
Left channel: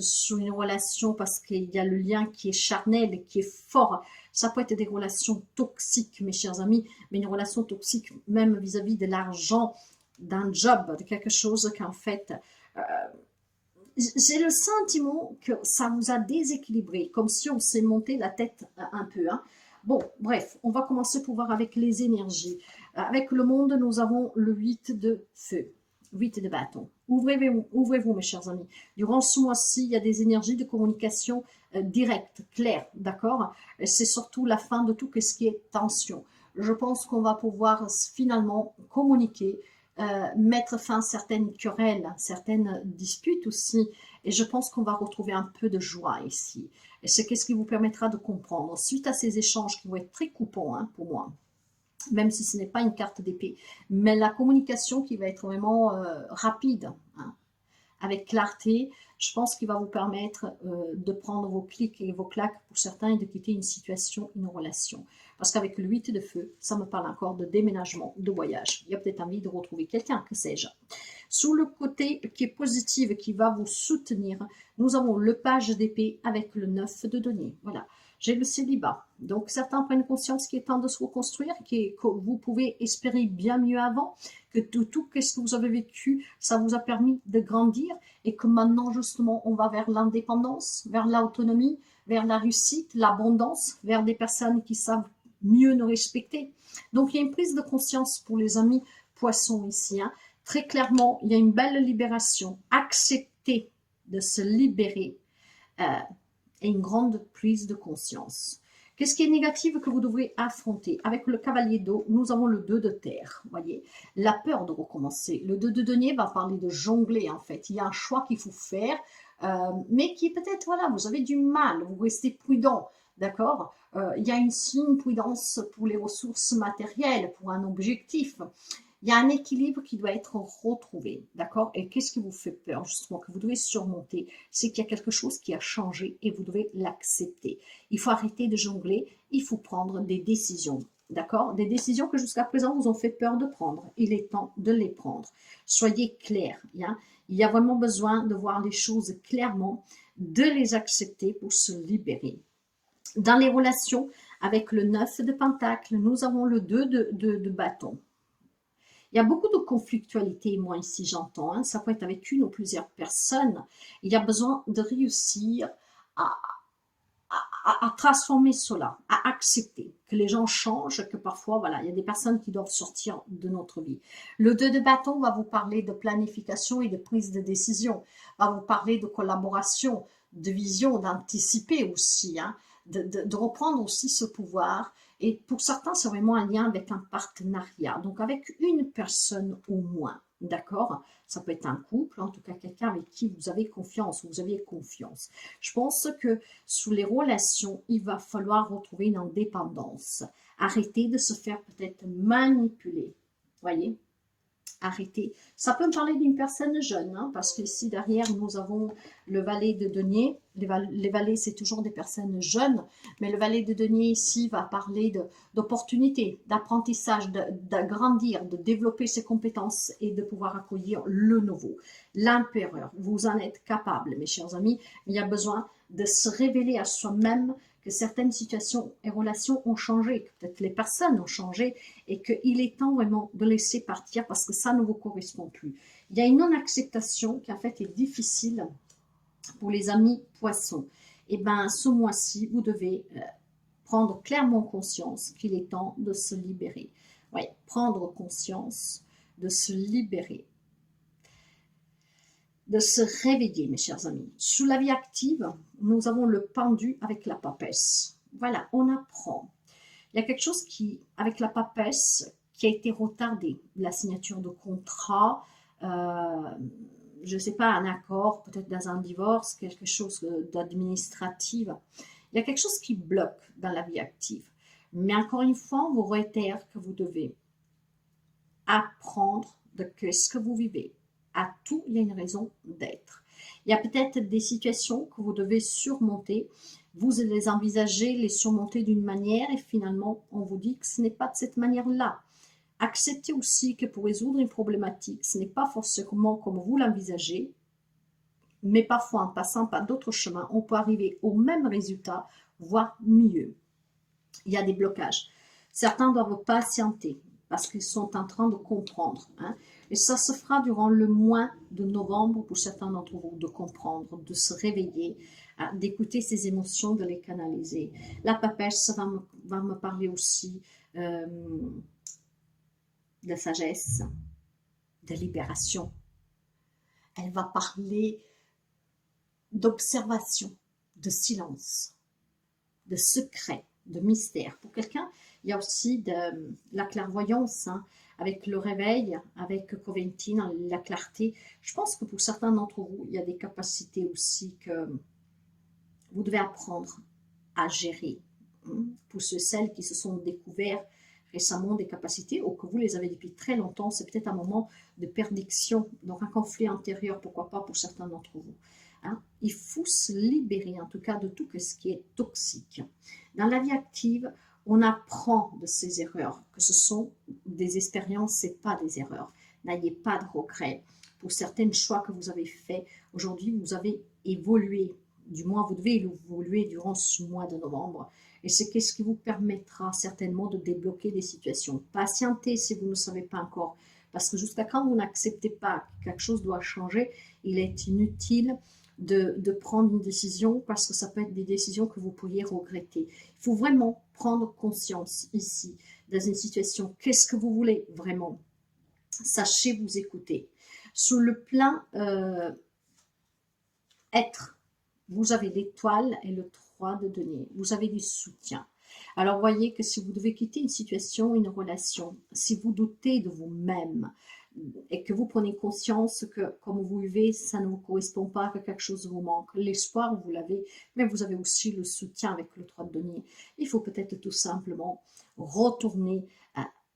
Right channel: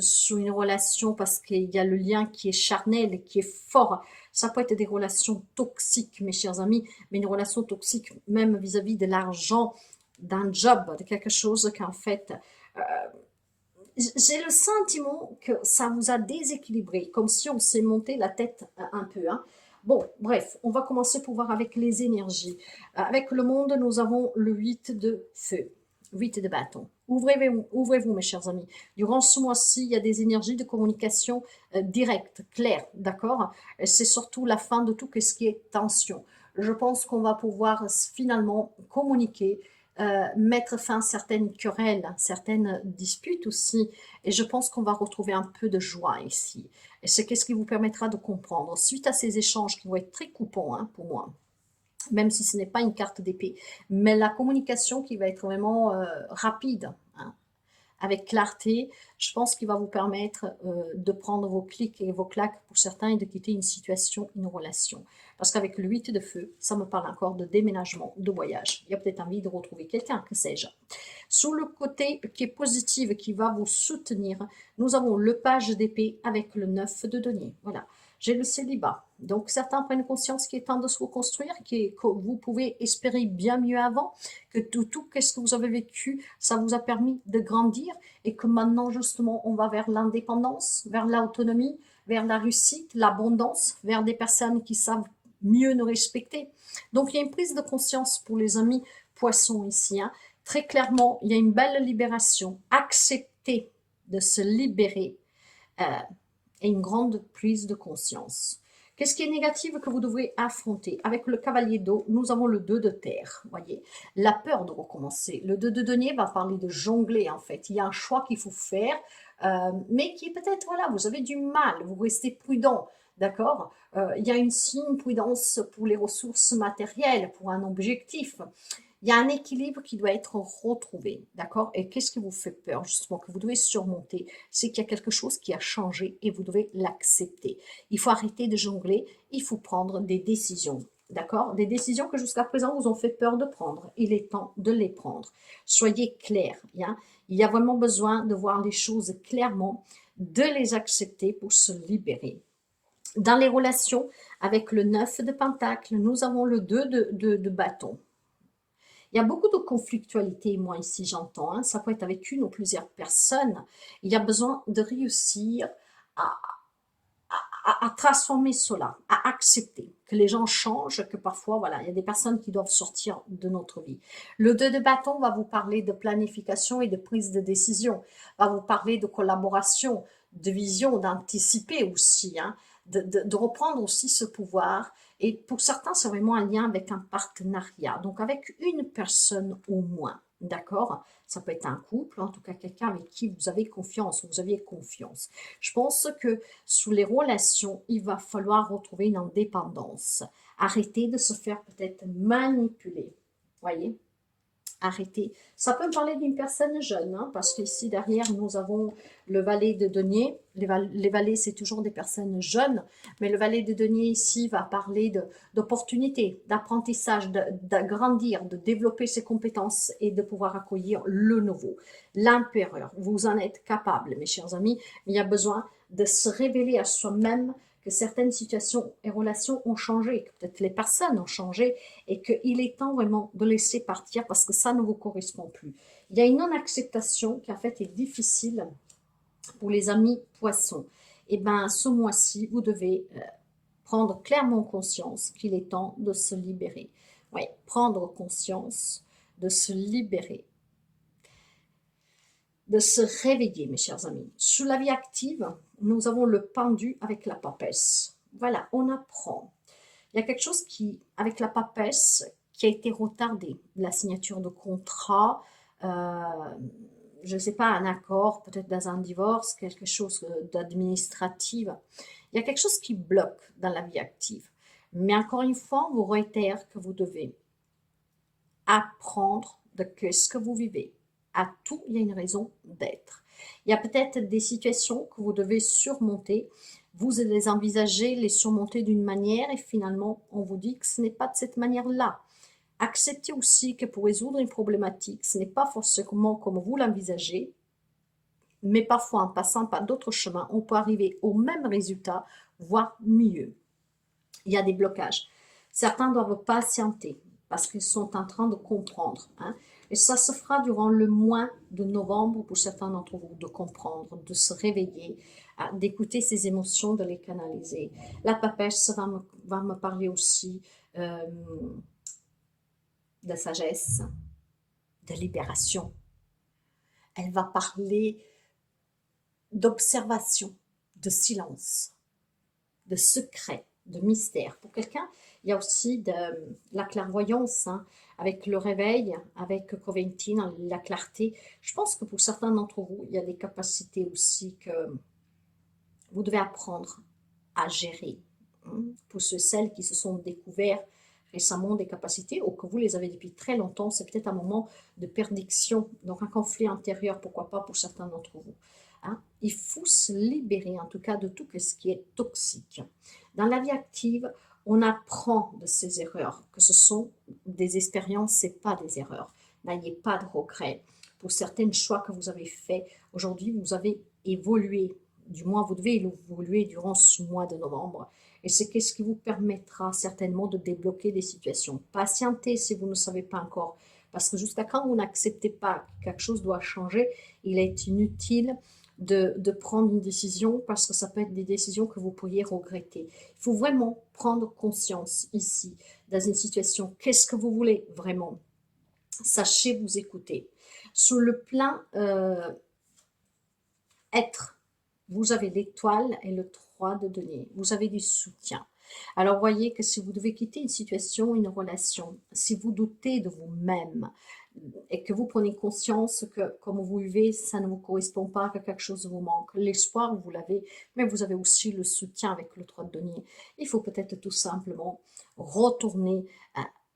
sur une relation parce qu'il y a le lien qui est charnel et qui est fort. Ça peut être des relations toxiques, mes chers amis, mais une relation toxique même vis-à-vis de l'argent, d'un job, de quelque chose qu'en fait... j'ai le sentiment que ça vous a déséquilibré, comme si on s'est monté la tête un peu. Hein. Bon, bref, on va commencer pour voir avec les énergies. Avec le monde, nous avons le 8 de feu, 8 de bâton. Ouvrez-vous, mes chers amis. Durant ce mois-ci, il y a des énergies de communication directes, claires, d'accord? C'est surtout la fin de tout ce qui est tension. Je pense qu'on va pouvoir finalement communiquer, mettre fin à certaines querelles, certaines disputes aussi. Et je pense qu'on va retrouver un peu de joie ici. Et c'est ce qui vous permettra de comprendre. Suite à ces échanges qui vont être très coupants hein, pour moi, même si ce n'est pas une carte d'épée, mais la communication qui va être vraiment rapide, hein, avec clarté, je pense qu'il va vous permettre de prendre vos clics et vos claques pour certains et de quitter une situation, une relation. Parce qu'avec le 8 de feu, ça me parle encore de déménagement, de voyage. Il y a peut-être envie de retrouver quelqu'un, que sais-je. Sous le côté qui est positif, qui va vous soutenir, nous avons le page d'épée avec le 9 de denier. Voilà. J'ai le célibat. Donc, certains prennent conscience qu'il est temps de se reconstruire, que vous pouvez espérer bien mieux avant, que tout ce que vous avez vécu, ça vous a permis de grandir et que maintenant, justement, on va vers l'indépendance, vers l'autonomie, vers la réussite, l'abondance, vers des personnes qui savent mieux nous respecter. Donc, il y a une prise de conscience pour les amis poissons ici. Hein. Très clairement, il y a une belle libération. Accepter de se libérer et une grande prise de conscience. Qu'est-ce qui est négatif que vous devrez affronter? Avec le cavalier d'eau, nous avons le 2 de terre, voyez, la peur de recommencer. Le 2 de denier va parler de jongler, en fait. Il y a un choix qu'il faut faire, mais qui peut-être, voilà, vous avez du mal, vous restez prudent, d'accord? Il y a une prudence pour les ressources matérielles, pour un objectif. Il y a un équilibre qui doit être retrouvé, d'accord? Et qu'est-ce qui vous fait peur, justement, que vous devez surmonter? C'est qu'il y a quelque chose qui a changé et vous devez l'accepter. Il faut arrêter de jongler, il faut prendre des décisions, d'accord? Des décisions que jusqu'à présent vous ont fait peur de prendre. Il est temps de les prendre. Soyez clairs, hein? Il y a vraiment besoin de voir les choses clairement, de les accepter pour se libérer. Dans les relations, avec le 9 de Pentacle, nous avons le 2 de bâton. Il y a beaucoup de conflictualité, moi ici j'entends, hein. Ça peut être avec une ou plusieurs personnes. Il y a besoin de réussir à, à transformer cela, à accepter que les gens changent, que parfois, voilà, il y a des personnes qui doivent sortir de notre vie. Le 2 de bâton va vous parler de planification et de prise de décision, va vous parler de collaboration, de vision, d'anticiper aussi, hein, de reprendre aussi ce pouvoir. Et pour certains, c'est vraiment un lien avec un partenariat, donc avec une personne au moins, d'accord? Ça peut être un couple, en tout cas quelqu'un avec qui vous avez confiance, vous aviez confiance. Je pense que sous les relations, il va falloir retrouver une indépendance. Arrêter de se faire peut-être manipuler, voyez? Arrêter. Ça peut me parler d'une personne jeune, hein, parce qu'ici derrière, nous avons le valet de denier. Les valets, c'est toujours des personnes jeunes, mais le valet de denier ici va parler d'opportunités, d'apprentissage, d'agrandir, de développer ses compétences et de pouvoir accueillir le nouveau. L'empereur, vous en êtes capable, mes chers amis. Il y a besoin de se révéler à soi-même que certaines situations et relations ont changé, que peut-être les personnes ont changé et qu'il est temps vraiment de laisser partir parce que ça ne vous correspond plus. Il y a une non-acceptation qui en fait est difficile pour les amis poissons. Et bien ce mois-ci, vous devez prendre clairement conscience qu'il est temps de se libérer. Oui, prendre conscience de se libérer, de se réveiller, mes chers amis. Sous la vie active, nous avons le pendu avec la papesse. Voilà, on apprend. Il y a quelque chose qui, avec la papesse, qui a été retardé. La signature de contrat, je ne sais pas, un accord, peut-être dans un divorce, quelque chose d'administratif. Il y a quelque chose qui bloque dans la vie active. Mais encore une fois, on vous réitère que vous devez apprendre de ce que vous vivez. À tout, il y a une raison d'être. Il y a peut-être des situations que vous devez surmonter. Vous les envisagez, les surmonter d'une manière et finalement, on vous dit que ce n'est pas de cette manière-là. Acceptez aussi que pour résoudre une problématique, ce n'est pas forcément comme vous l'envisagez, mais parfois en passant par d'autres chemins, on peut arriver au même résultat, voire mieux. Il y a des blocages. Certains doivent patienter parce qu'ils sont en train de comprendre, hein. Et ça se fera durant le mois de novembre pour certains d'entre vous, de comprendre, de se réveiller, d'écouter ses émotions, de les canaliser. La papesse va me parler aussi de sagesse, de libération. Elle va parler d'observation, de silence, de secret, de mystère. Pour quelqu'un, il y a aussi de la clairvoyance, hein, avec le réveil, avec Coventin, la clarté. Je pense que pour certains d'entre vous, il y a des capacités aussi que vous devez apprendre à gérer. Pour celles qui se sont découverts récemment des capacités ou que vous les avez depuis très longtemps, c'est peut-être un moment de perdition, donc un conflit intérieur, pourquoi pas pour certains d'entre vous. Hein? Il faut se libérer en tout cas de tout ce qui est toxique. Dans la vie active, On apprend de ses erreurs, que ce sont des expériences, ce n'est pas des erreurs. N'ayez pas de regrets. Pour certains choix que vous avez faits, aujourd'hui, vous avez évolué. Du moins, vous devez évoluer durant ce mois de novembre. Et c'est ce qui vous permettra certainement de débloquer des situations. Patientez si vous ne savez pas encore. Parce que jusqu'à quand vous n'acceptez pas que quelque chose doit changer, il est inutile de prendre une décision parce que ça peut être des décisions que vous pourriez regretter. Il faut vraiment prendre conscience ici, dans une situation, qu'est-ce que vous voulez vraiment? Sachez vous écouter. Sur le plan être, vous avez l'étoile et le 3 de denier. Vous avez du soutien. Alors, voyez que si vous devez quitter une situation, une relation, si vous doutez de vous-même et que vous prenez conscience que comme vous vivez, ça ne vous correspond pas, que quelque chose vous manque, l'espoir, vous l'avez, mais vous avez aussi le soutien avec le 3 de denier. Il faut peut-être tout simplement retourner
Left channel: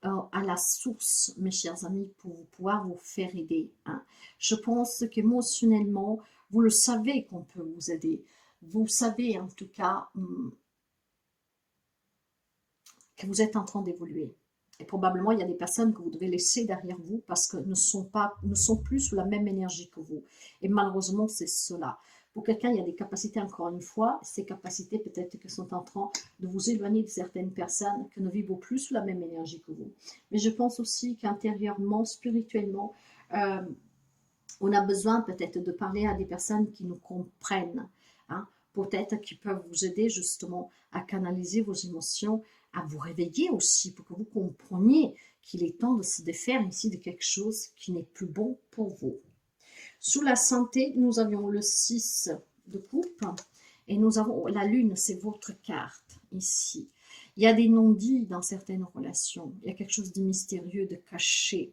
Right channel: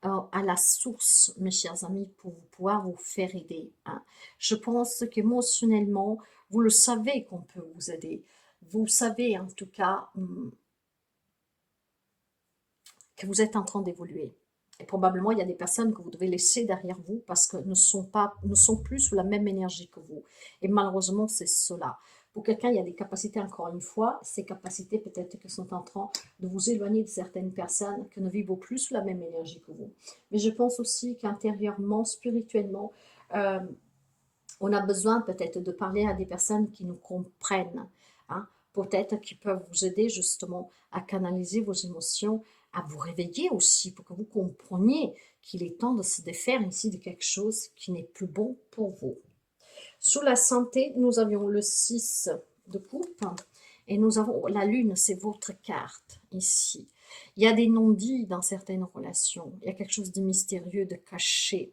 à la source, mes chers amis, pour pouvoir vous faire aider. Hein. Je pense qu'émotionnellement, vous le savez qu'on peut vous aider. Vous savez en tout cas que vous êtes en train d'évoluer. Et probablement, il y a des personnes que vous devez laisser derrière vous parce que ne sont plus sous la même énergie que vous. Et malheureusement, c'est cela. Pour quelqu'un, il y a des capacités, encore une fois, ces capacités peut-être que sont en train de vous éloigner de certaines personnes qui ne vivent plus sous la même énergie que vous. Mais je pense aussi qu'intérieurement, spirituellement, on a besoin peut-être de parler à des personnes qui nous comprennent, hein, peut-être qui peuvent vous aider justement à canaliser vos émotions, à vous réveiller aussi pour que vous compreniez qu'il est temps de se défaire ici de quelque chose qui n'est plus bon pour vous. Sous la santé, nous avions le 6 de coupe et nous avons la lune, c'est votre carte ici. Il y a des non-dits dans certaines relations, il y a quelque chose de mystérieux, de caché.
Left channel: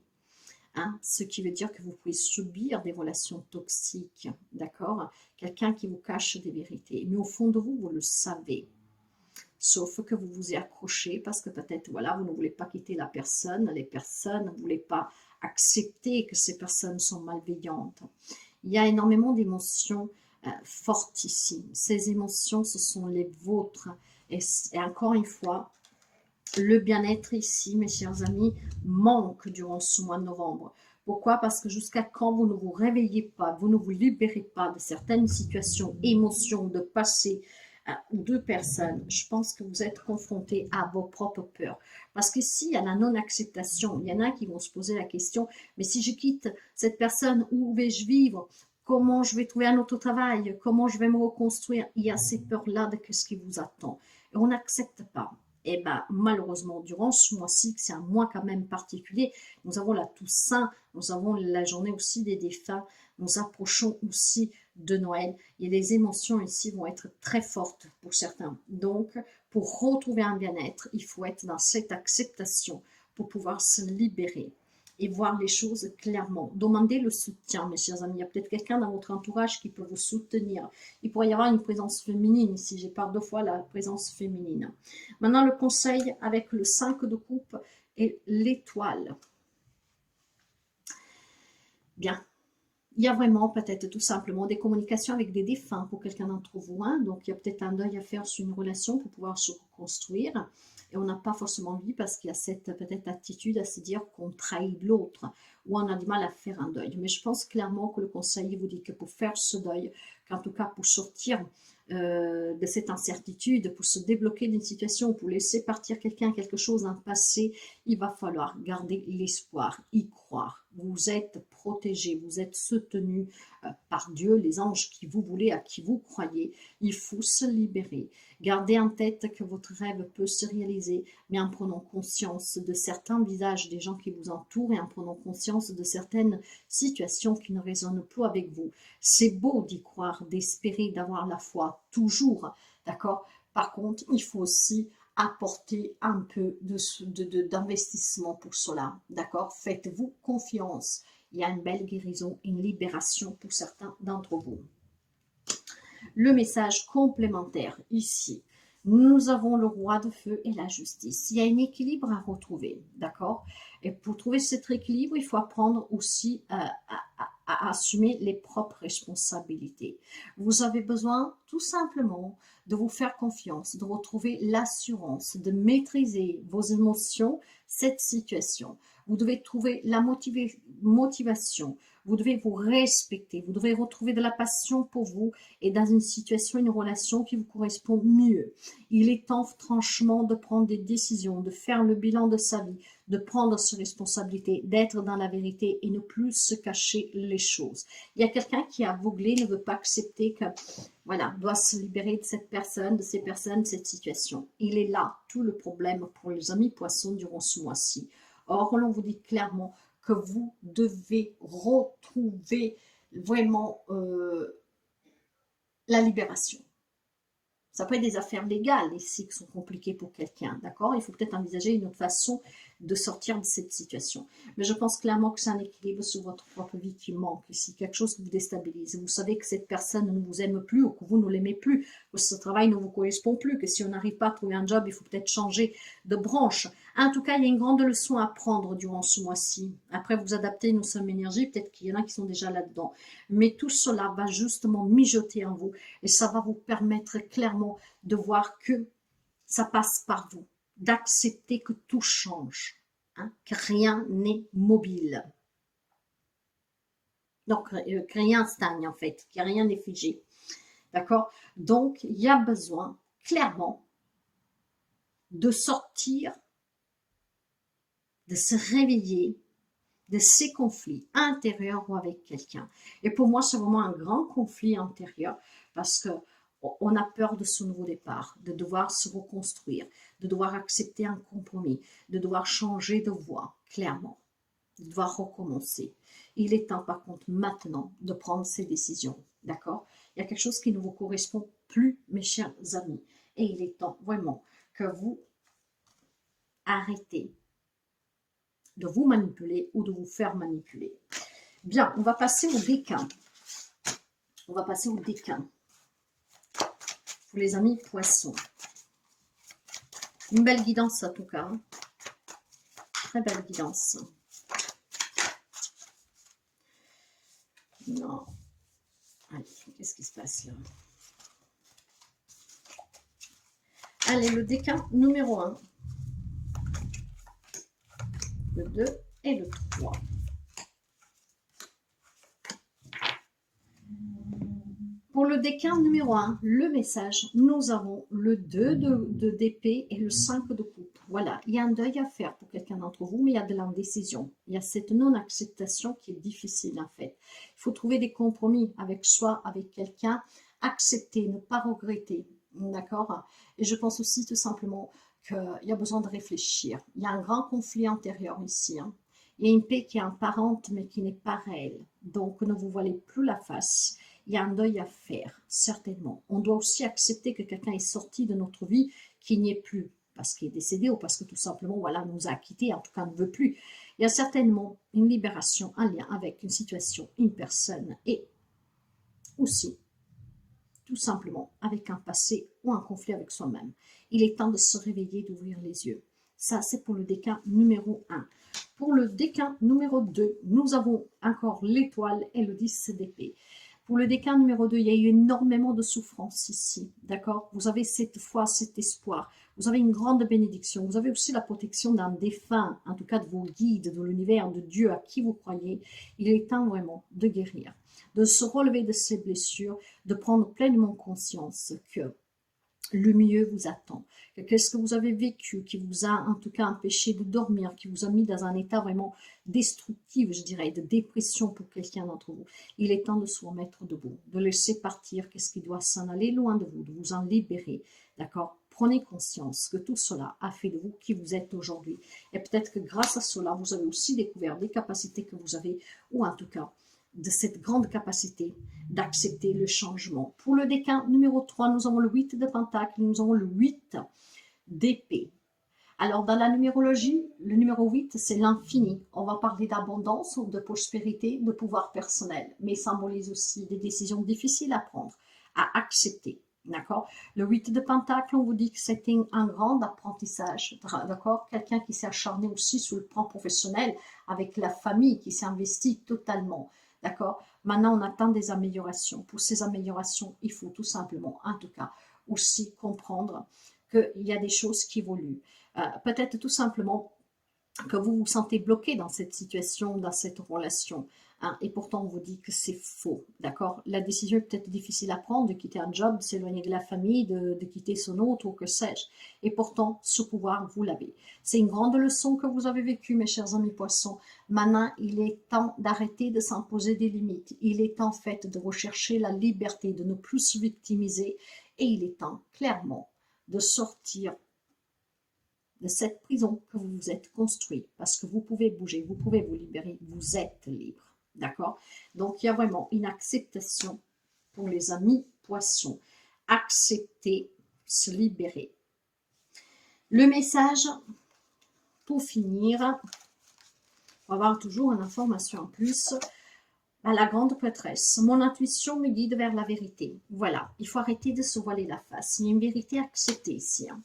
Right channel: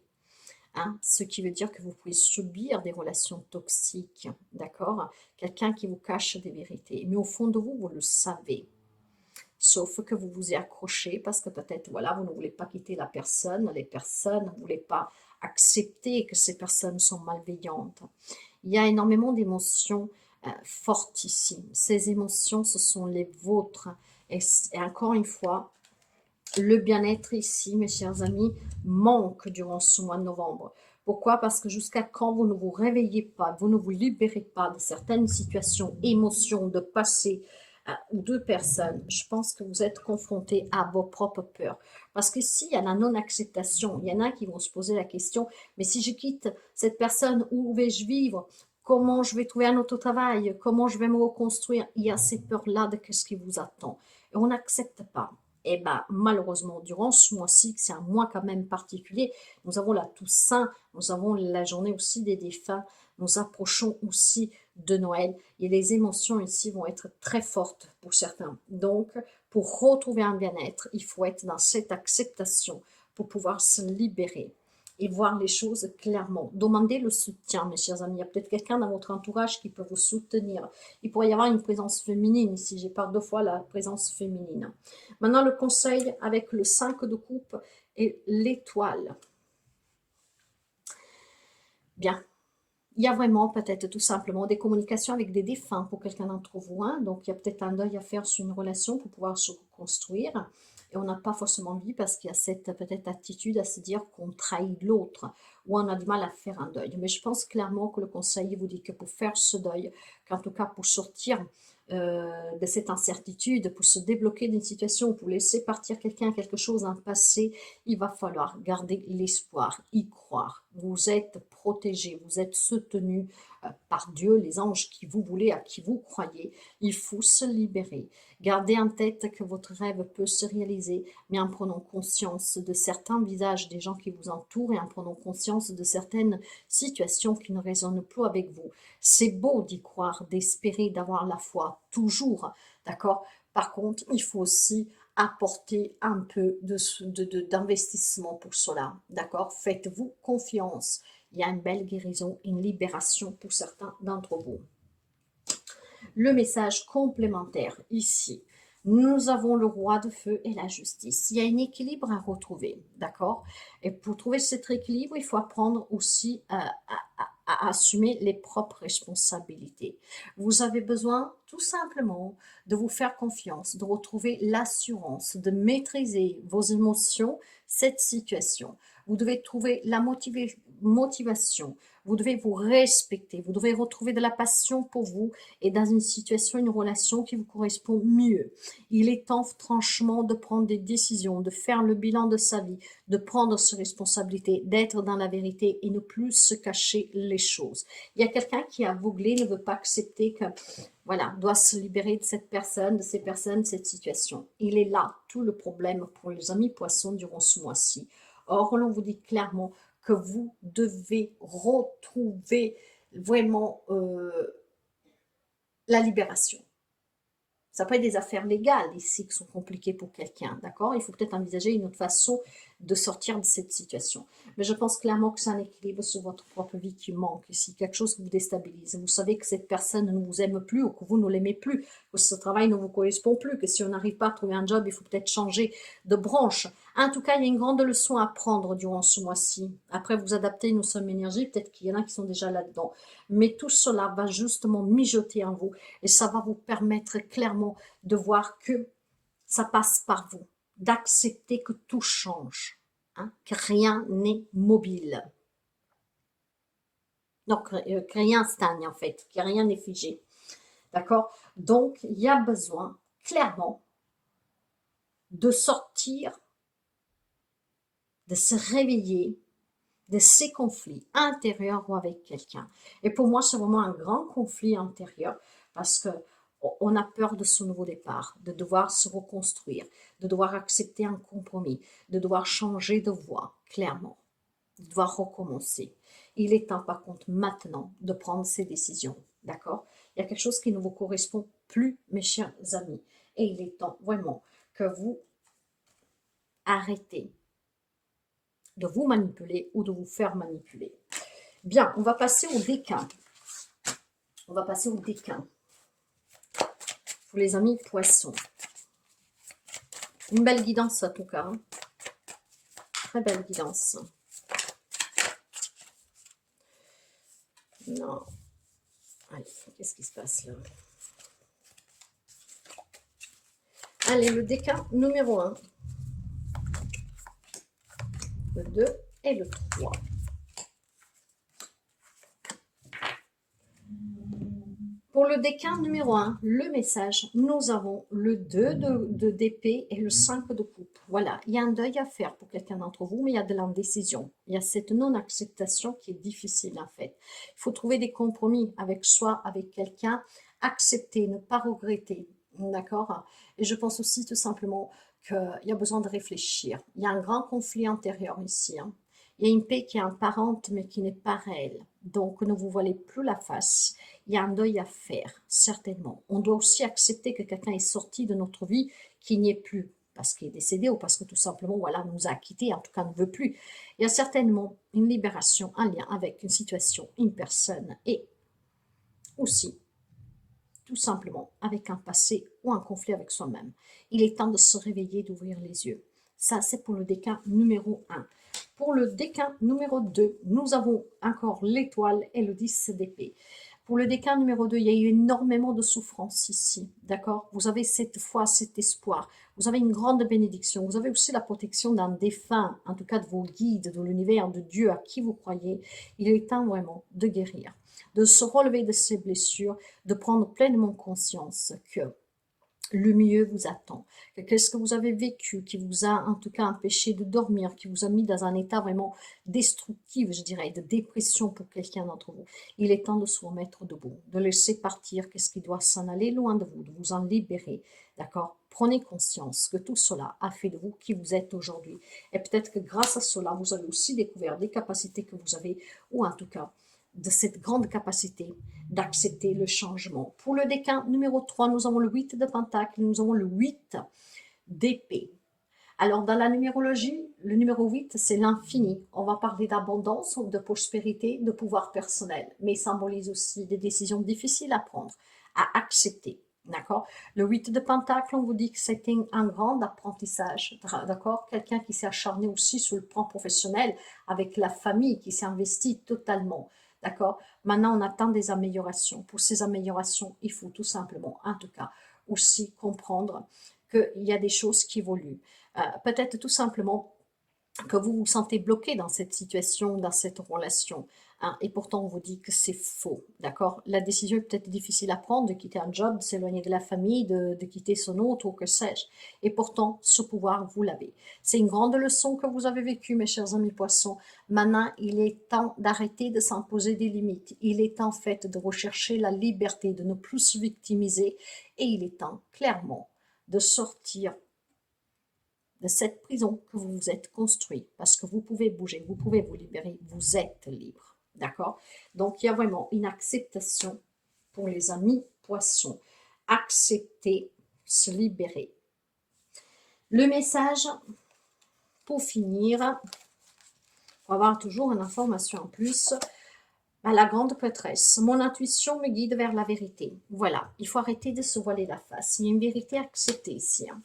Hein, ce qui veut dire que vous pouvez subir des relations toxiques, d'accord? Quelqu'un qui vous cache des vérités. Mais au fond de vous, vous le savez. Sauf que vous vous y accrochez parce que peut-être, voilà, vous ne voulez pas quitter la personne, les personnes ne voulaient pas accepter que ces personnes sont malveillantes. Il y a énormément d'émotions fortes ici. Ces émotions, ce sont les vôtres. Et encore une fois, le bien-être ici, mes chers amis, manque durant ce mois de novembre. Pourquoi? Parce que jusqu'à quand vous ne vous réveillez pas, vous ne vous libérez pas de certaines situations, émotions, de passé ou de personnes, je pense que vous êtes confrontés à vos propres peurs. Parce qu'ici, il y a la non-acceptation. Il y en a qui vont se poser la question, mais si je quitte cette personne, où vais-je vivre? Comment je vais trouver un autre travail? Comment je vais me reconstruire? Il y a ces peurs-là de ce qui vous attend. Et on n'accepte pas. Et bien, malheureusement, durant ce mois-ci, c'est un mois quand même particulier, nous avons la Toussaint, nous avons la journée aussi des défunts, nous approchons aussi de Noël et les émotions ici vont être très fortes pour certains. Donc, pour retrouver un bien-être, il faut être dans cette acceptation pour pouvoir se libérer et voir les choses clairement. Demandez le soutien, mes chers amis. Il y a peut-être quelqu'un dans votre entourage qui peut vous soutenir. Il pourrait y avoir une présence féminine ici. J'ai parlé 2 fois la présence féminine. Maintenant, le conseil avec le 5 de coupe et l'étoile. Bien. Il y a vraiment peut-être tout simplement des communications avec des défunts pour quelqu'un d'entre vous. Hein. Donc, il y a peut-être un deuil à faire sur une relation pour pouvoir se reconstruire. Et on n'a pas forcément envie parce qu'il y a cette peut-être attitude à se dire qu'on trahit l'autre ou on a du mal à faire un deuil. Mais je pense clairement que le conseil vous dit que pour faire ce deuil, qu'en tout cas pour sortir de cette incertitude, pour se débloquer d'une situation, pour laisser partir quelqu'un, quelque chose, un passé, il va falloir garder l'espoir, y croire. Vous êtes protégé, vous êtes soutenu par Dieu, les anges qui vous voulez, à qui vous croyez. Il faut se libérer. Gardez en tête que votre rêve peut se réaliser, mais en prenant conscience de certains visages des gens qui vous entourent et en prenant conscience de certaines situations qui ne résonnent plus avec vous. C'est beau d'y croire, d'espérer, d'avoir la foi, toujours, d'accord? Par contre, il faut aussi apporter un peu d'investissement pour cela, d'accord? Faites-vous confiance. Il y a une belle guérison, une libération pour certains d'entre vous. Le message complémentaire ici. Nous avons le roi de feu et la justice. Il y a un équilibre à retrouver, d'accord? Et pour trouver cet équilibre, il faut apprendre aussi à assumer les propres responsabilités. Vous avez besoin tout simplement de vous faire confiance, de retrouver l'assurance, de maîtriser vos émotions, cette situation. Vous devez trouver la motivation, vous devez vous respecter, vous devez retrouver de la passion pour vous et dans une situation, une relation qui vous correspond mieux. Il est temps franchement de prendre des décisions, de faire le bilan de sa vie, de prendre ses responsabilités, d'être dans la vérité et ne plus se cacher les choses. Il y a quelqu'un qui est aveuglé, ne veut pas accepter que, voilà, doit se libérer de cette personne, de ces personnes, de cette situation. Il est là tout le problème pour les amis poissons durant ce mois-ci. Or, l'on vous dit clairement que vous devez retrouver vraiment la libération. Ça peut être des affaires légales ici qui sont compliquées pour quelqu'un, d'accord? Il faut peut-être envisager une autre façon de sortir de cette situation. Mais je pense clairement que c'est un équilibre sur votre propre vie qui manque ici, quelque chose qui vous déstabilise. Vous savez que cette personne ne vous aime plus ou que vous ne l'aimez plus, que ce travail ne vous correspond plus, que si on n'arrive pas à trouver un job, il faut peut-être changer de branche. En tout cas, il y a une grande leçon à prendre durant ce mois-ci. Après, vous adaptez nos sommes énergie, peut-être qu'il y en a qui sont déjà là-dedans. Mais tout cela va justement mijoter en vous et ça va vous permettre clairement de voir que ça passe par vous, d'accepter que tout change, hein, que rien n'est mobile. Donc, que rien stagne en fait, que rien n'est figé. D'accord? Donc, il y a besoin clairement de sortir, de se réveiller de ces conflits intérieurs ou avec quelqu'un. Et pour moi, c'est vraiment un grand conflit intérieur parce que on a peur de ce nouveau départ, de devoir se reconstruire, de devoir accepter un compromis, de devoir changer de voie, clairement, de devoir recommencer. Il est temps, par contre, maintenant, de prendre ces décisions, d'accord? Il y a quelque chose qui ne vous correspond plus, mes chers amis, et il est temps, vraiment, que vous arrêtez de vous manipuler ou de vous faire manipuler. Bien, on va passer au déclin. On va passer au déclin. Pour les amis poissons. Une belle guidance en tout cas. Très belle guidance. Non. Allez, qu'est-ce qui se passe là? Allez, le déclin numéro 1. Le 2 et le 3. Pour le déclin numéro 1, le message, nous avons le 2 d'épée et le 5 de coupe. Voilà, il y a un deuil à faire pour quelqu'un d'entre vous, mais il y a de l'indécision. Il y a cette non-acceptation qui est difficile en fait. Il faut trouver des compromis avec soi, avec quelqu'un, accepter, ne pas regretter, d'accord? Et je pense aussi tout simplement qu'il y a besoin de réfléchir. Il y a un grand conflit intérieur ici, hein. Il y a une paix qui est apparente mais qui n'est pas réelle. Donc ne vous voilez plus la face. Il y a un deuil à faire, certainement. On doit aussi accepter que quelqu'un est sorti de notre vie, qu'il n'y est plus, parce qu'il est décédé ou parce que tout simplement, voilà, nous a quittés, en tout cas ne veut plus. Il y a certainement une libération, un lien avec une situation, une personne, et aussi, tout simplement, avec un passé ou un conflit avec soi-même. Il est temps de se réveiller, d'ouvrir les yeux. Ça, c'est pour le déclin numéro 1. Pour le déclin numéro 2, nous avons encore l'étoile et le 10 d'épée. Pour le déclin numéro 2, il y a eu énormément de souffrance ici, d'accord? Vous avez cette foi, cet espoir, vous avez une grande bénédiction, vous avez aussi la protection d'un défunt, en tout cas de vos guides, de l'univers, de Dieu à qui vous croyez. Il est temps vraiment de guérir, de se relever de ces blessures, de prendre pleinement conscience que le mieux vous attend. Qu'est-ce que vous avez vécu qui vous a en tout cas empêché de dormir, qui vous a mis dans un état vraiment destructif, je dirais, de dépression pour quelqu'un d'entre vous. Il est temps de se remettre debout, de laisser partir qu'est-ce qui doit s'en aller loin de vous en libérer, d'accord? Prenez conscience que tout cela a fait de vous qui vous êtes aujourd'hui. Et peut-être que grâce à cela, vous avez aussi découvert des capacités que vous avez, ou en tout cas, de cette grande capacité d'accepter le changement. Pour le déclin numéro 3, nous avons le 8 de pentacle, nous avons le 8 d'épée. Alors, dans la numérologie, le numéro 8, c'est l'infini. On va parler d'abondance, de prospérité, de pouvoir personnel, mais il symbolise aussi des décisions difficiles à prendre, à accepter. D'accord? Le 8 de pentacle, on vous dit que c'était un grand apprentissage. D'accord? Quelqu'un qui s'est acharné aussi sur le plan professionnel, avec la famille, qui s'est investi totalement. D'accord? Maintenant, on attend des améliorations. Pour ces améliorations, il faut tout simplement, en tout cas, aussi comprendre qu'il y a des choses qui évoluent. Peut-être tout simplement que vous vous sentez bloqué dans cette situation, dans cette relation, hein, et pourtant on vous dit que c'est faux, d'accord? La décision est peut-être difficile à prendre, de quitter un job, de s'éloigner de la famille, de quitter son autre, ou que sais-je, et pourtant ce pouvoir, vous l'avez. C'est une grande leçon que vous avez vécue, mes chers amis poissons. Maintenant, il est temps d'arrêter de s'imposer des limites. Il est en fait de rechercher la liberté, de ne plus se victimiser, et il est temps, clairement, de sortir de cette prison que vous vous êtes construit, parce que vous pouvez bouger, vous pouvez vous libérer, vous êtes libre, d'accord? Donc, il y a vraiment une acceptation pour les amis poissons. Accepter, se libérer. Le message, pour finir, pour avoir toujours une information en plus, à la grande prêtresse, mon intuition me guide vers la vérité. Voilà, il faut arrêter de se voiler la face. Il y a une vérité à accepter ici. Hein.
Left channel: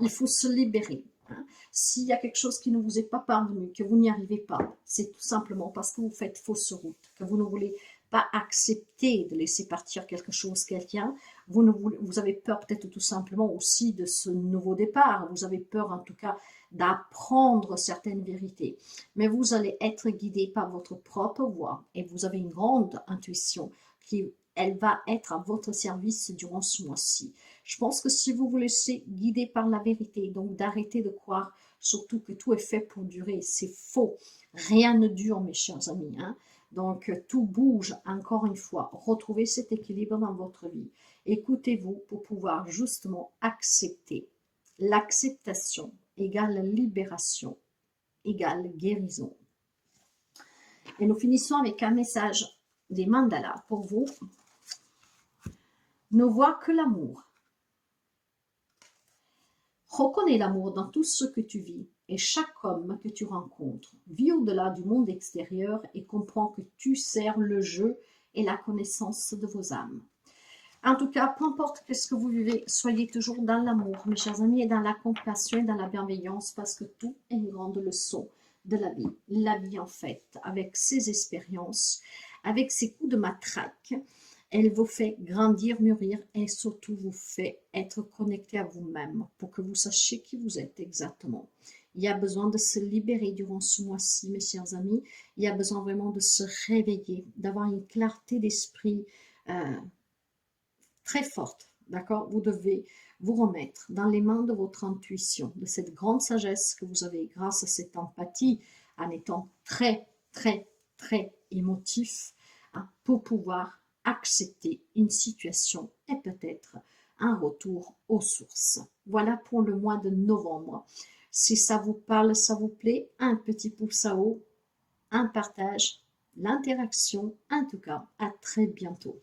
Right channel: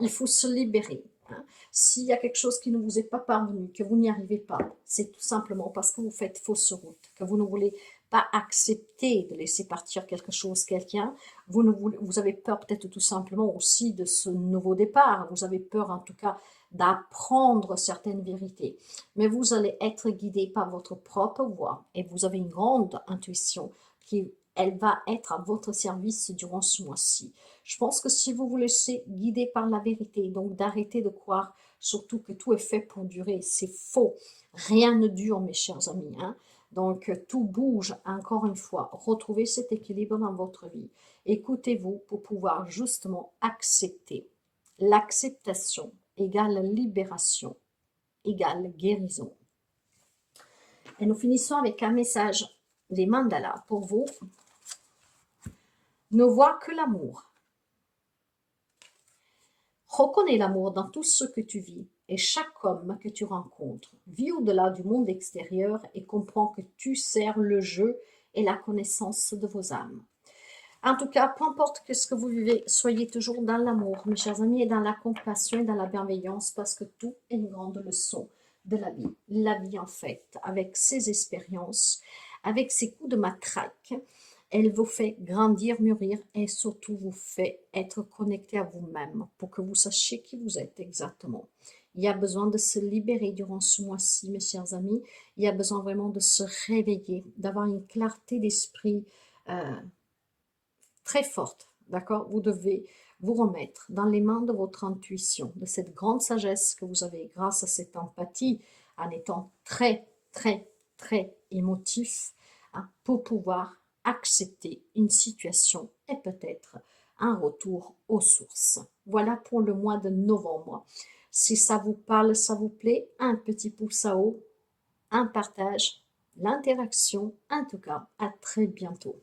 Il faut se libérer. Hein. S'il y a quelque chose qui ne vous est pas parvenu, que vous n'y arrivez pas, c'est tout simplement parce que vous faites fausse route, que vous ne voulez pas accepter de laisser partir quelque chose, quelqu'un. Vous avez peur peut-être tout simplement aussi de ce nouveau départ. Vous avez peur en tout cas d'apprendre certaines vérités. Mais vous allez être guidé par votre propre voix et vous avez une grande intuition qui, elle va être à votre service durant ce mois-ci. Je pense que si vous vous laissez guider par la vérité, donc d'arrêter de croire surtout que tout est fait pour durer, c'est faux. Rien ne dure, mes chers amis. Hein. Donc, tout bouge, encore une fois. Retrouvez cet équilibre dans votre vie. Écoutez-vous pour pouvoir justement accepter. L'acceptation égale libération, égale guérison. Et nous finissons avec un message des mandalas pour vous. Ne vois que l'amour. Reconnais l'amour dans tout ce que tu vis et chaque homme que tu rencontres. Vis au-delà du monde extérieur et comprends que tu sers le jeu et la connaissance de vos âmes. En tout cas, peu importe ce que vous vivez, soyez toujours dans l'amour, mes chers amis, et dans la compassion et dans la bienveillance, parce que tout est une grande leçon de la vie. La vie, en fait, avec ses expériences, avec ses coups de matraque, elle vous fait grandir, mûrir et surtout vous fait être connecté à vous-même pour que vous sachiez qui vous êtes exactement. Il y a besoin de se libérer durant ce mois-ci, mes chers amis. Il y a besoin vraiment de se réveiller, d'avoir une clarté d'esprit très forte, d'accord? Vous devez vous remettre dans les mains de votre intuition, de cette grande sagesse que vous avez grâce à cette empathie, en étant très, très, très émotif, hein, pour pouvoir accepter une situation et peut-être un retour aux sources. Voilà pour le mois de novembre. Si ça vous parle, ça vous plaît, un petit pouce à haut, un partage, l'interaction. En tout cas, à très bientôt.